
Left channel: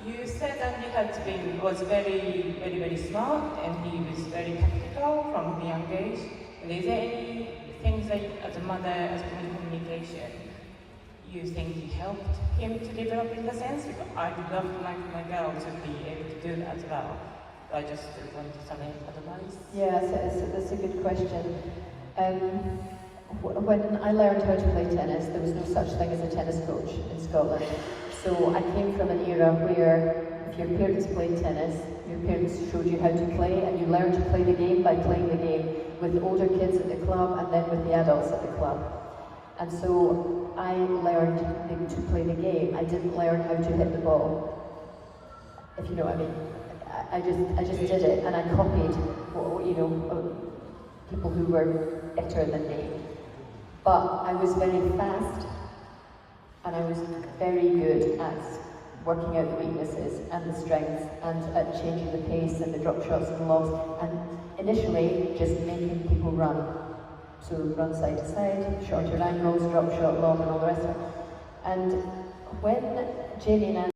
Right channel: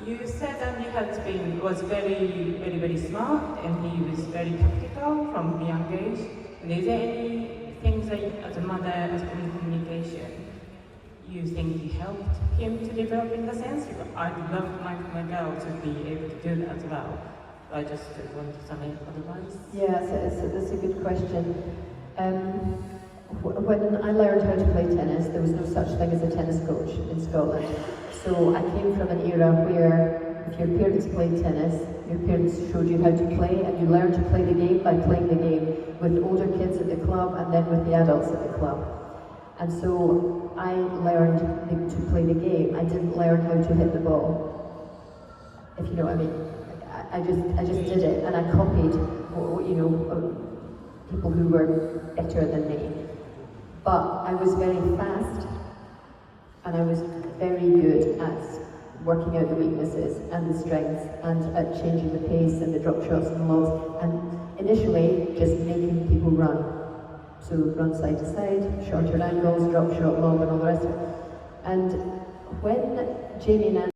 You said that he was very, very, very smart and he was very tactical from a young age. Is there any things that, as a mother, as communication, you think you helped him to develop in the sense? Because I would love my girl to be able to do that as well. I just want some advice. Yeah, that's a good question. When I learned how to play tennis, there was no such thing as a tennis coach in Scotland. So I came from an era where if your parents played tennis, your parents showed you how to play, and you learned to play the game by playing the game with the older kids at the club and then with the adults at the club. And so I learned to play the game. I didn't learn how to hit the ball, if you know what I mean. I just did it, and I copied, people who were better than me. But I was very fast, and I was very good at working out the weaknesses and the strengths, and at changing the pace and the drop shots and lobs, and initially just making people run. So run side to side, shorter angles, drop shot, lob, and all the rest of it. And when Janie and